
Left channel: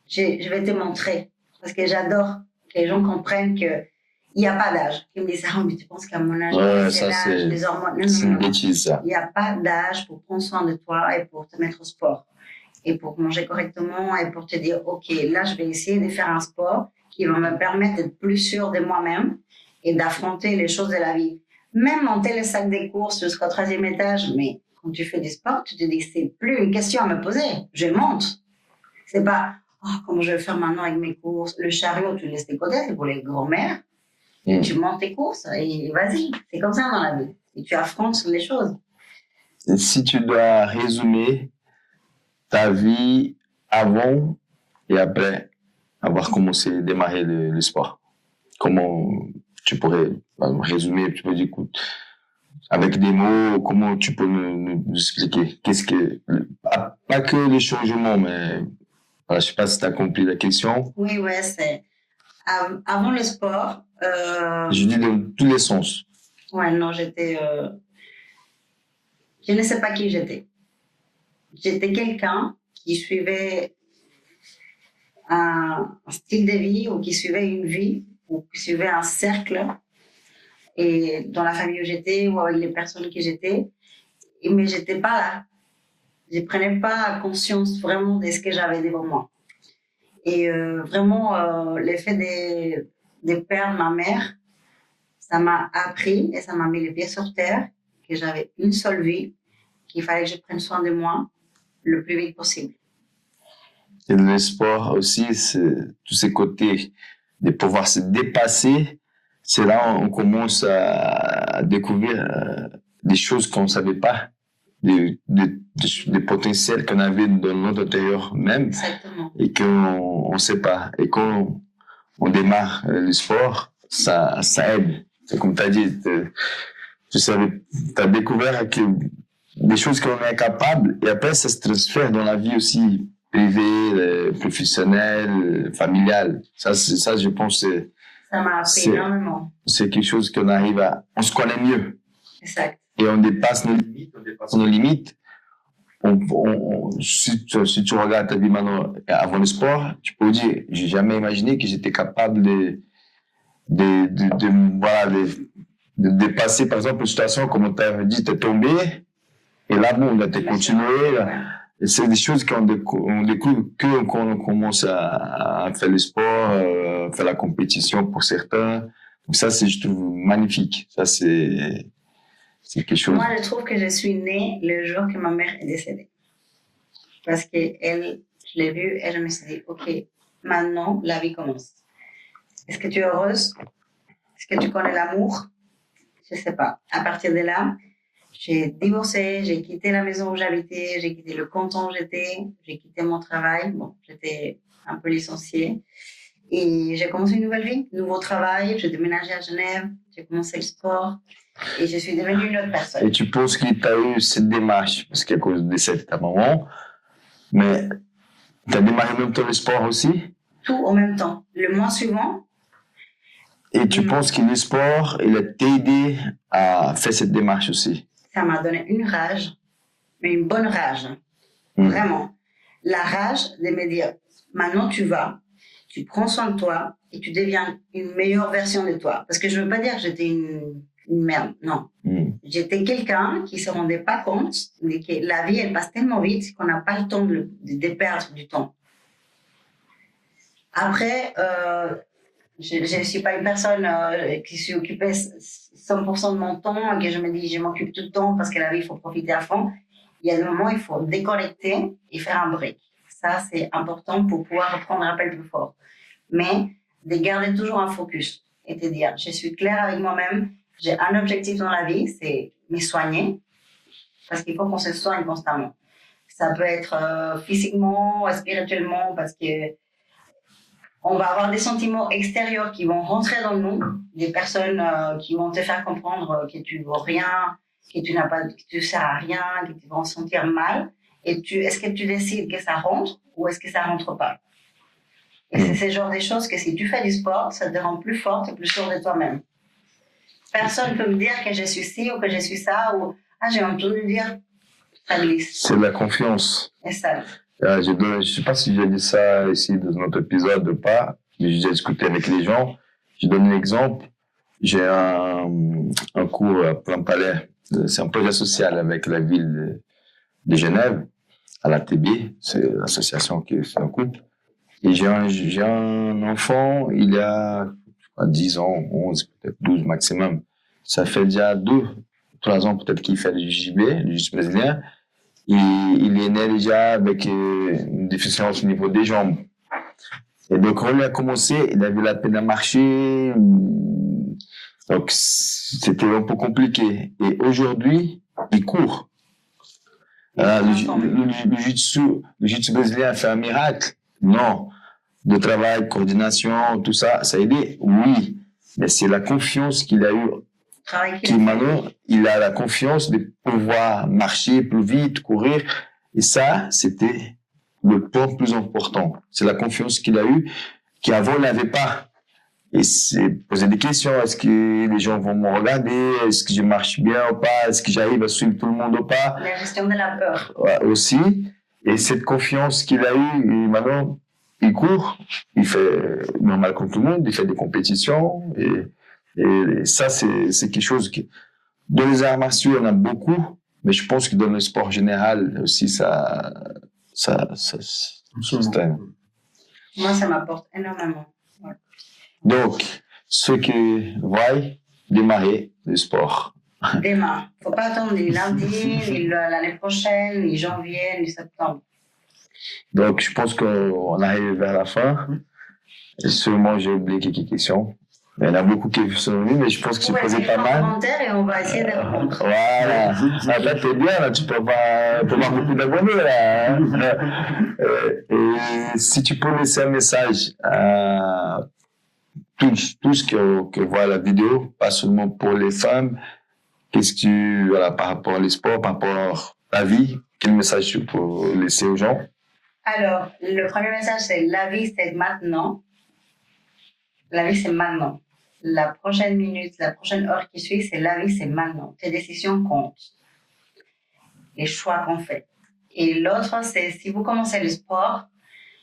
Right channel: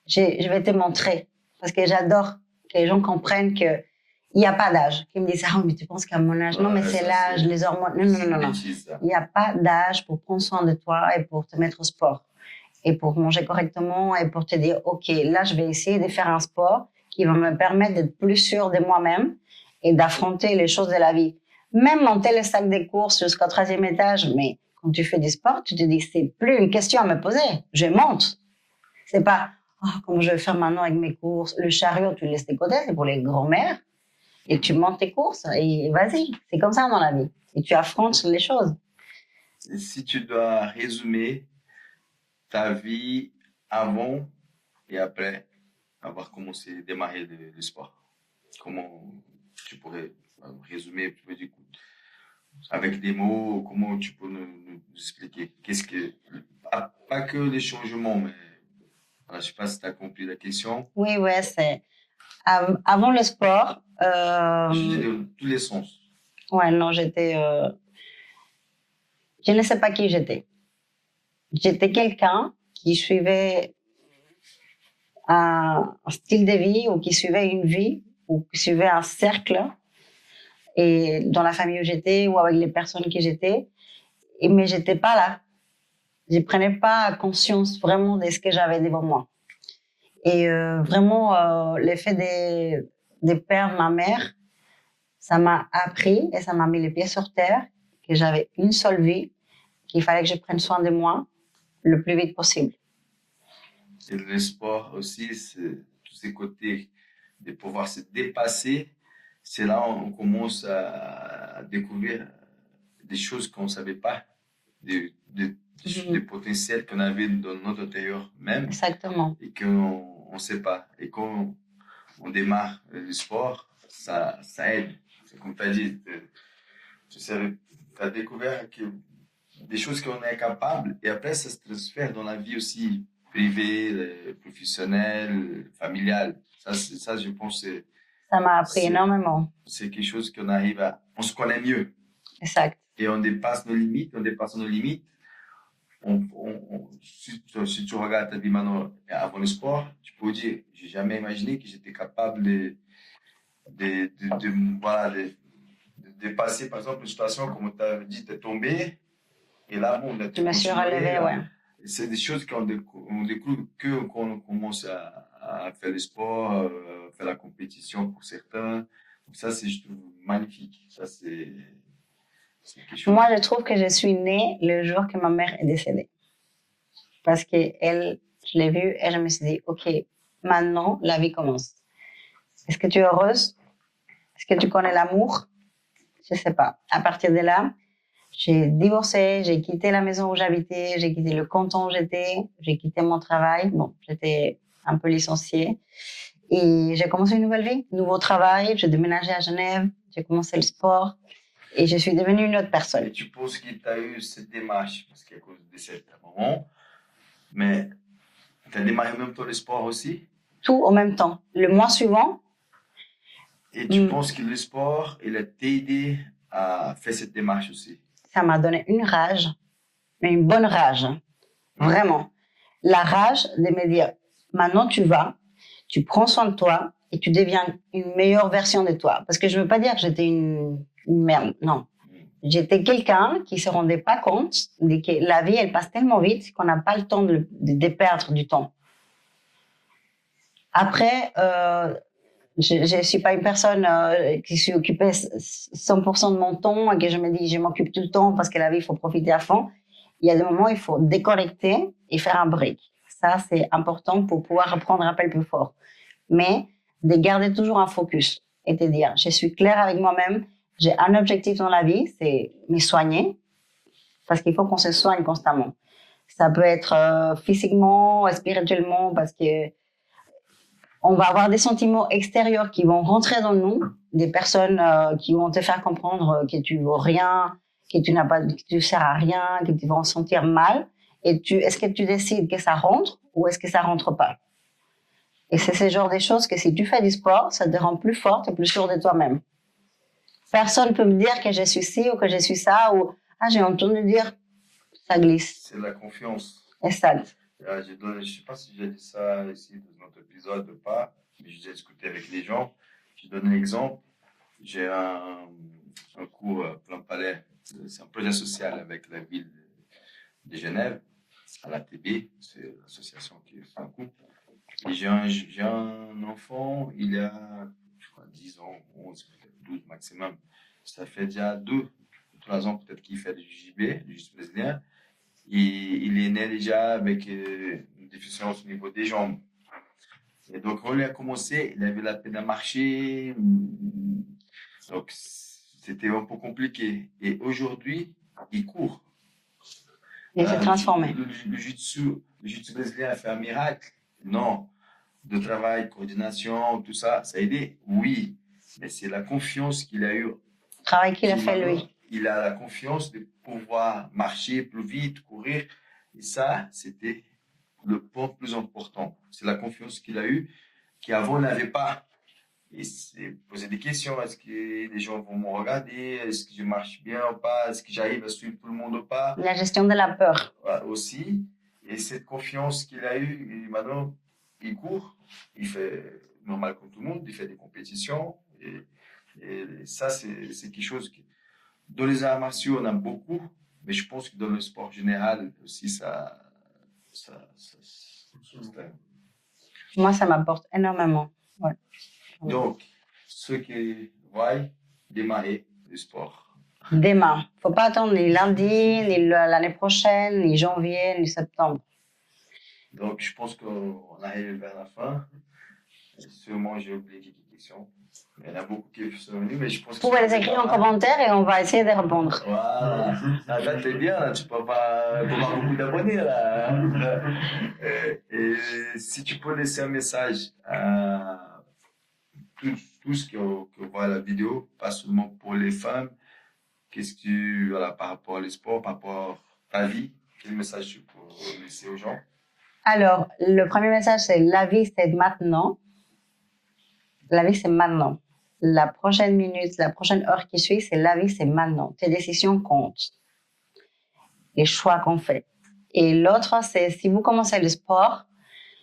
je vais te montrer. Parce que j'adore que les gens comprennent qu'il n'y a pas d'âge. Qu'ils me disent mais tu penses qu'à mon âge, c'est l'âge, les hormones. Non. Il n'y a pas d'âge pour prendre soin de toi et pour te mettre au sport. Et pour manger correctement et pour te dire ok, là, je vais essayer de faire un sport qui va me permettre d'être plus sûre de moi-même et d'affronter les choses de la vie. Même monter le sac des courses jusqu'au 13e étage, mais quand tu fais du sport, tu te dis que c'est plus une question à me poser. Je monte. C'est pas comment je vais faire maintenant avec mes courses. Le chariot, tu le laisses de côté, c'est pour les grands-mères. Et tu montes tes courses et vas-y. C'est comme ça dans la vie. Et tu affrontes les choses. Et si tu dois résumer ta vie avant et après avoir commencé à démarrer le sport, comment tu pourrais résumer? Tu peux dire, écoute, avec des mots, comment tu peux nous expliquer? Pas que les changements, mais voilà, je sais pas si tu as compris la question. Oui, ouais, c'est avant le sport. Je dis dans tous les sens. Ouais, non, je ne sais pas qui j'étais. J'étais quelqu'un qui suivait un style de vie ou qui suivait une vie ou qui suivait un cercle et dans la famille où j'étais ou avec les personnes qui j'étais. Mais j'étais pas là. Je prenais pas conscience vraiment de ce que j'avais devant moi. Et vraiment, l'effet de perdre ma mère, ça m'a appris et ça m'a mis les pieds sur terre que j'avais une seule vie, qu'il fallait que je prenne soin de moi le plus vite possible. Et le sport aussi, c'est tous ces côtés de pouvoir se dépasser. C'est là où on commence à découvrir des choses qu'on ne savait pas, des potentiels qu'on avait dans notre intérieur même. Exactement. Et qu'on ne sait pas. Et quand on démarre le sport, ça aide. C'est comme tu as dit, tu as découvert que des choses qu'on est incapable et après ça se transfère dans la vie aussi privée, professionnelle, familiale. Ça, je pense, ça m'a appris énormément. C'est quelque chose qu'on arrive on se connaît mieux. Exact. Et on dépasse nos limites, si tu regardes ta vie maintenant avant le sport, tu peux dire, j'ai jamais imaginé que j'étais capable de dépasser, par exemple, une situation comme on t'a dit, t'es tombé, et là, bon, t'es continué. Ouais. Et c'est des choses qu'on découvre quand on commence à faire le sport, faire la compétition pour certains. Donc ça, je trouve magnifique. Ça, c'est quelque chose. Moi, je trouve que je suis née le jour que ma mère est décédée. Parce que je l'ai vue et je me suis dit, OK, maintenant, la vie commence. Est-ce que tu es heureuse? Est-ce que tu connais l'amour? Je ne sais pas. À partir de là, j'ai divorcé, j'ai quitté la maison où j'habitais, j'ai quitté le canton où j'étais, j'ai quitté mon travail. Bon, j'étais un peu licenciée. Et j'ai commencé une nouvelle vie, un nouveau travail. J'ai déménagé à Genève, j'ai commencé le sport. Et je suis devenue une autre personne. Et tu penses qu'il t'a eu cette démarche, parce qu'à cause du décès de ta maman, mais tu as démarré en même temps le sport aussi? Tout en même temps. Le mois suivant. Et tu penses que le sport, il a t'aidé à faire cette démarche aussi? Ça m'a donné une rage, mais une bonne rage. Vraiment. La rage de me dire, maintenant tu vas, tu prends soin de toi et tu deviens une meilleure version de toi. Parce que je ne veux pas dire que j'étais une merde, non. J'étais quelqu'un qui ne se rendait pas compte que la vie, elle passe tellement vite qu'on n'a pas le temps de perdre du temps. Après, je ne suis pas une personne qui s'est occupée 100% de mon temps et que je me dis, je m'occupe tout le temps parce que la vie, il faut profiter à fond. Il y a des moments où il faut déconnecter et faire un break. Ça, c'est important pour pouvoir reprendre un appel plus fort. Mais de garder toujours un focus et de dire, je suis claire avec moi-même, j'ai un objectif dans la vie, c'est me soigner, parce qu'il faut qu'on se soigne constamment. Ça peut être physiquement, spirituellement, parce que on va avoir des sentiments extérieurs qui vont rentrer dans nous, des personnes qui vont te faire comprendre que tu vaux rien, que tu sers à rien, que tu vas en sentir mal. Et est-ce que tu décides que ça rentre ou est-ce que ça rentre pas? Et c'est ce genre de choses que si tu fais du sport, ça te rend plus forte et plus sûre de toi-même. Personne ne peut me dire que je suis ci ou que je suis ça ou j'ai entendu dire, ça glisse. C'est de la confiance. Et ça. Je ne sais pas si j'ai dit ça ici dans notre épisode ou pas, mais j'ai discuté avec les gens. Je donne un exemple. J'ai un cours à Plein-Palais. C'est un projet social avec la ville de Genève, à la TB. C'est l'association qui fait un couple. Et j'ai un enfant, il a 10 ans, 11, peut-être 12 maximum. Ça fait déjà 2-3 ans peut-être qu'il fait le JB, le jiu-jitsu brésilien. Et il est né déjà avec une déficience au niveau des jambes. Et donc, quand il a commencé, il avait la peine à marcher. Donc, c'était un peu compliqué. Et aujourd'hui, il court. Le jiu-jitsu brésilien a fait un miracle? Non. De travail, coordination, tout ça, ça a aidé? Oui. Mais c'est la confiance qu'il a eue travail qu'il qui a fait. maintenant, il a la confiance de pouvoir marcher plus vite, courir. Et ça, c'était le point le plus important. C'est la confiance qu'il a eue, qu'avant, il n'avait pas. Et c'est poser des questions. Est-ce que les gens vont me regarder? Est-ce que je marche bien ou pas? Est-ce que j'arrive à suivre tout le monde ou pas? La gestion de la peur. Ouais, aussi. Et cette confiance qu'il a eue, et maintenant, il court, il fait normal comme tout le monde, il fait des compétitions. Et ça, c'est quelque chose qui, dans les arts martiaux, on a beaucoup, mais je pense que dans le sport général aussi, ça Moi, ça m'apporte énormément. Ouais. Donc, ceux qui voient démarrer le sport. Demain. Faut pas attendre ni lundi, ni l'année prochaine, ni janvier, ni septembre. Donc, je pense qu'on arrive vers la fin. Et sûrement, j'ai oublié quelques questions. Il y en a beaucoup qui sont venus, mais je pense que Vous pouvez les écrire en commentaire et on va essayer de répondre. Voilà. Là, t'es bien, là, tu peux avoir beaucoup d'abonnés, là. Et si tu peux laisser un message à tous qui voient la vidéo, pas seulement pour les femmes, qu'est-ce que tu, voilà, par rapport au sport, par rapport à la vie, quel message tu peux laisser aux gens? Alors, le premier message, c'est la vie, c'est maintenant. La vie, c'est maintenant. La prochaine minute, la prochaine heure qui suit, c'est la vie, c'est maintenant. Tes décisions comptent. Les choix qu'on fait. Et l'autre, c'est si vous commencez le sport,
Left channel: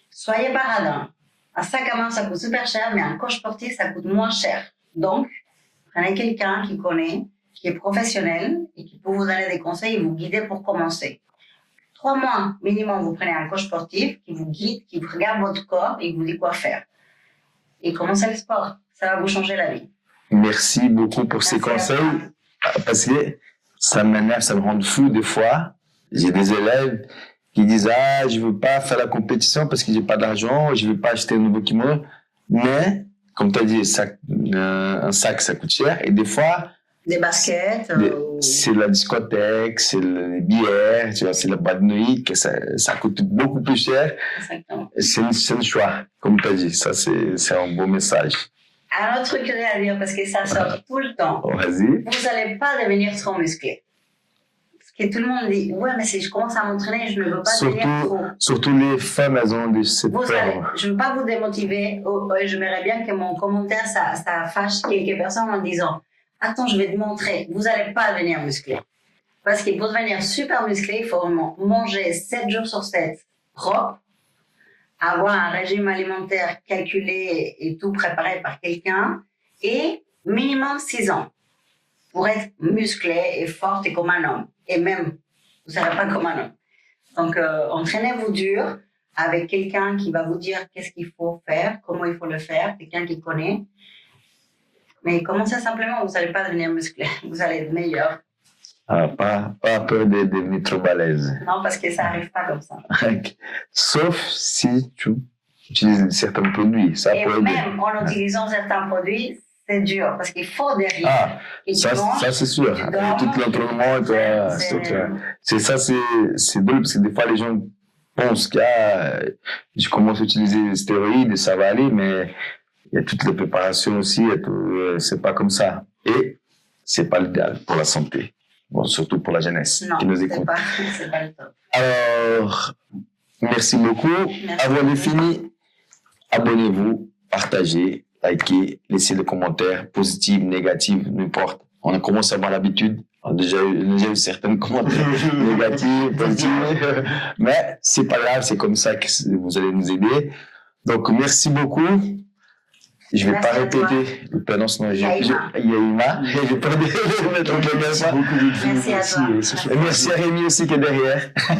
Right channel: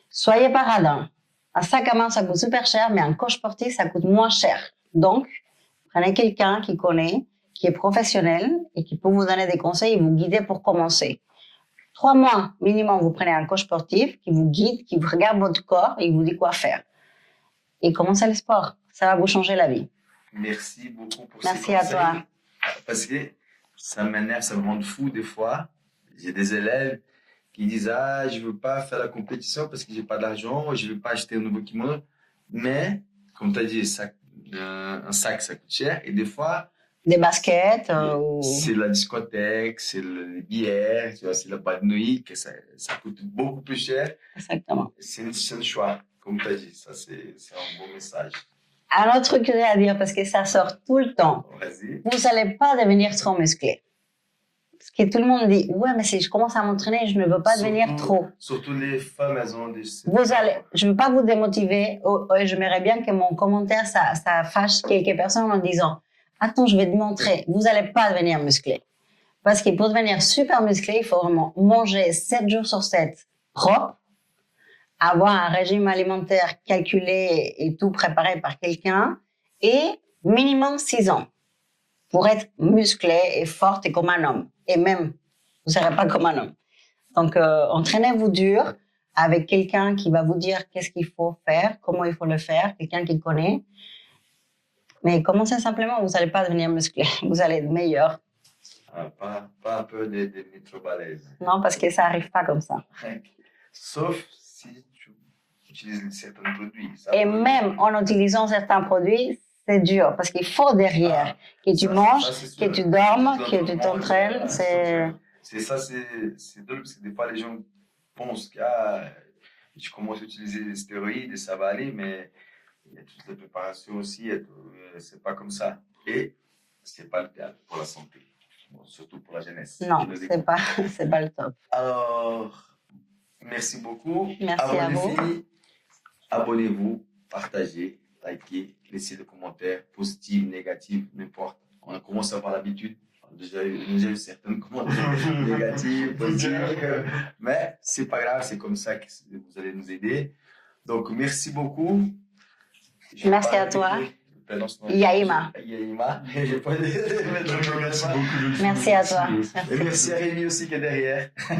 soyez pas radin. Un sac à main, ça coûte super cher, mais un coach sportif, ça coûte moins cher. Donc, prenez quelqu'un qui connaît, qui est professionnel et qui peut vous donner des conseils et vous guider pour commencer. 3 mois minimum, vous prenez un coach sportif qui vous guide, qui regarde votre corps et vous dit quoi faire. Et commencez le sport. Ça va vous changer la vie. Merci beaucoup pour ces conseils. Parce que ça m'énerve, ça me rend fou des fois. J'ai des élèves qui disent « Ah, je ne veux pas faire la compétition parce que je n'ai pas d'argent, je ne veux pas acheter un nouveau kimono. » Mais, comme tu as dit, un sac, ça coûte cher. Et des fois... Des baskets. C'est la discothèque, c'est les bières, tu vois, c'est la boîte de nuit, que ça coûte beaucoup plus cher. Exactement. C'est un choix, comme tu as dit. Ça, c'est un beau message. Un autre truc que j'ai à dire, parce que ça sort tout le temps. Vas-y. Vous n'allez pas devenir trop musclé. Parce que tout le monde dit, ouais, mais si je commence à m'entraîner, je ne veux pas devenir trop. Surtout les femmes, elles ont cette peur. Je ne veux pas vous démotiver. J'aimerais bien que mon commentaire, ça fâche quelques personnes en disant, attends, je vais te montrer. Vous n'allez pas devenir musclé. Parce que pour devenir super musclé, il faut vraiment manger 7 jours sur 7 propre, avoir un régime alimentaire calculé et tout préparé par quelqu'un, et minimum 6 ans pour être musclé et forte et comme un homme. Et même, vous ne serez pas comme un homme. Donc, entraînez-vous dur avec quelqu'un qui va vous dire qu'est-ce qu'il faut faire, comment il faut le faire, quelqu'un qui connaît. Mais commencez simplement, vous n'allez pas devenir musclé, vous allez être meilleur. Ah, pas peur de devenir trop balèze. Non, parce que ça n'arrive pas comme ça. Sauf si tu utilises certains produits. Ça et même en utilisant certains produits, c'est dur, parce qu'il faut derrière que tu manges, que tu dormes, que tu t'entraînes. C'est ça, c'est drôle, parce que des fois, les gens pensent que je commence à utiliser les stéroïdes, ça va aller, mais il y a toutes les préparations aussi, c'est pas comme ça. Et c'est pas l'idéal pour la santé. Bon, surtout pour la jeunesse qui nous écoute. C'est pas le top. Alors, merci beaucoup. Avant de finir, abonnez-vous, partagez, likez, laissez des commentaires positifs, négatifs, n'importe. On a commencé à avoir l'habitude. On a déjà eu certains commentaires négatifs, positifs. Mais c'est pas grave, c'est comme ça que vous allez nous aider. Donc, merci beaucoup. Je ne vais pas répéter le prénom, sinon Yaïma. Je vais pas mettre le Merci à toi. Merci à Rémi aussi qui est derrière.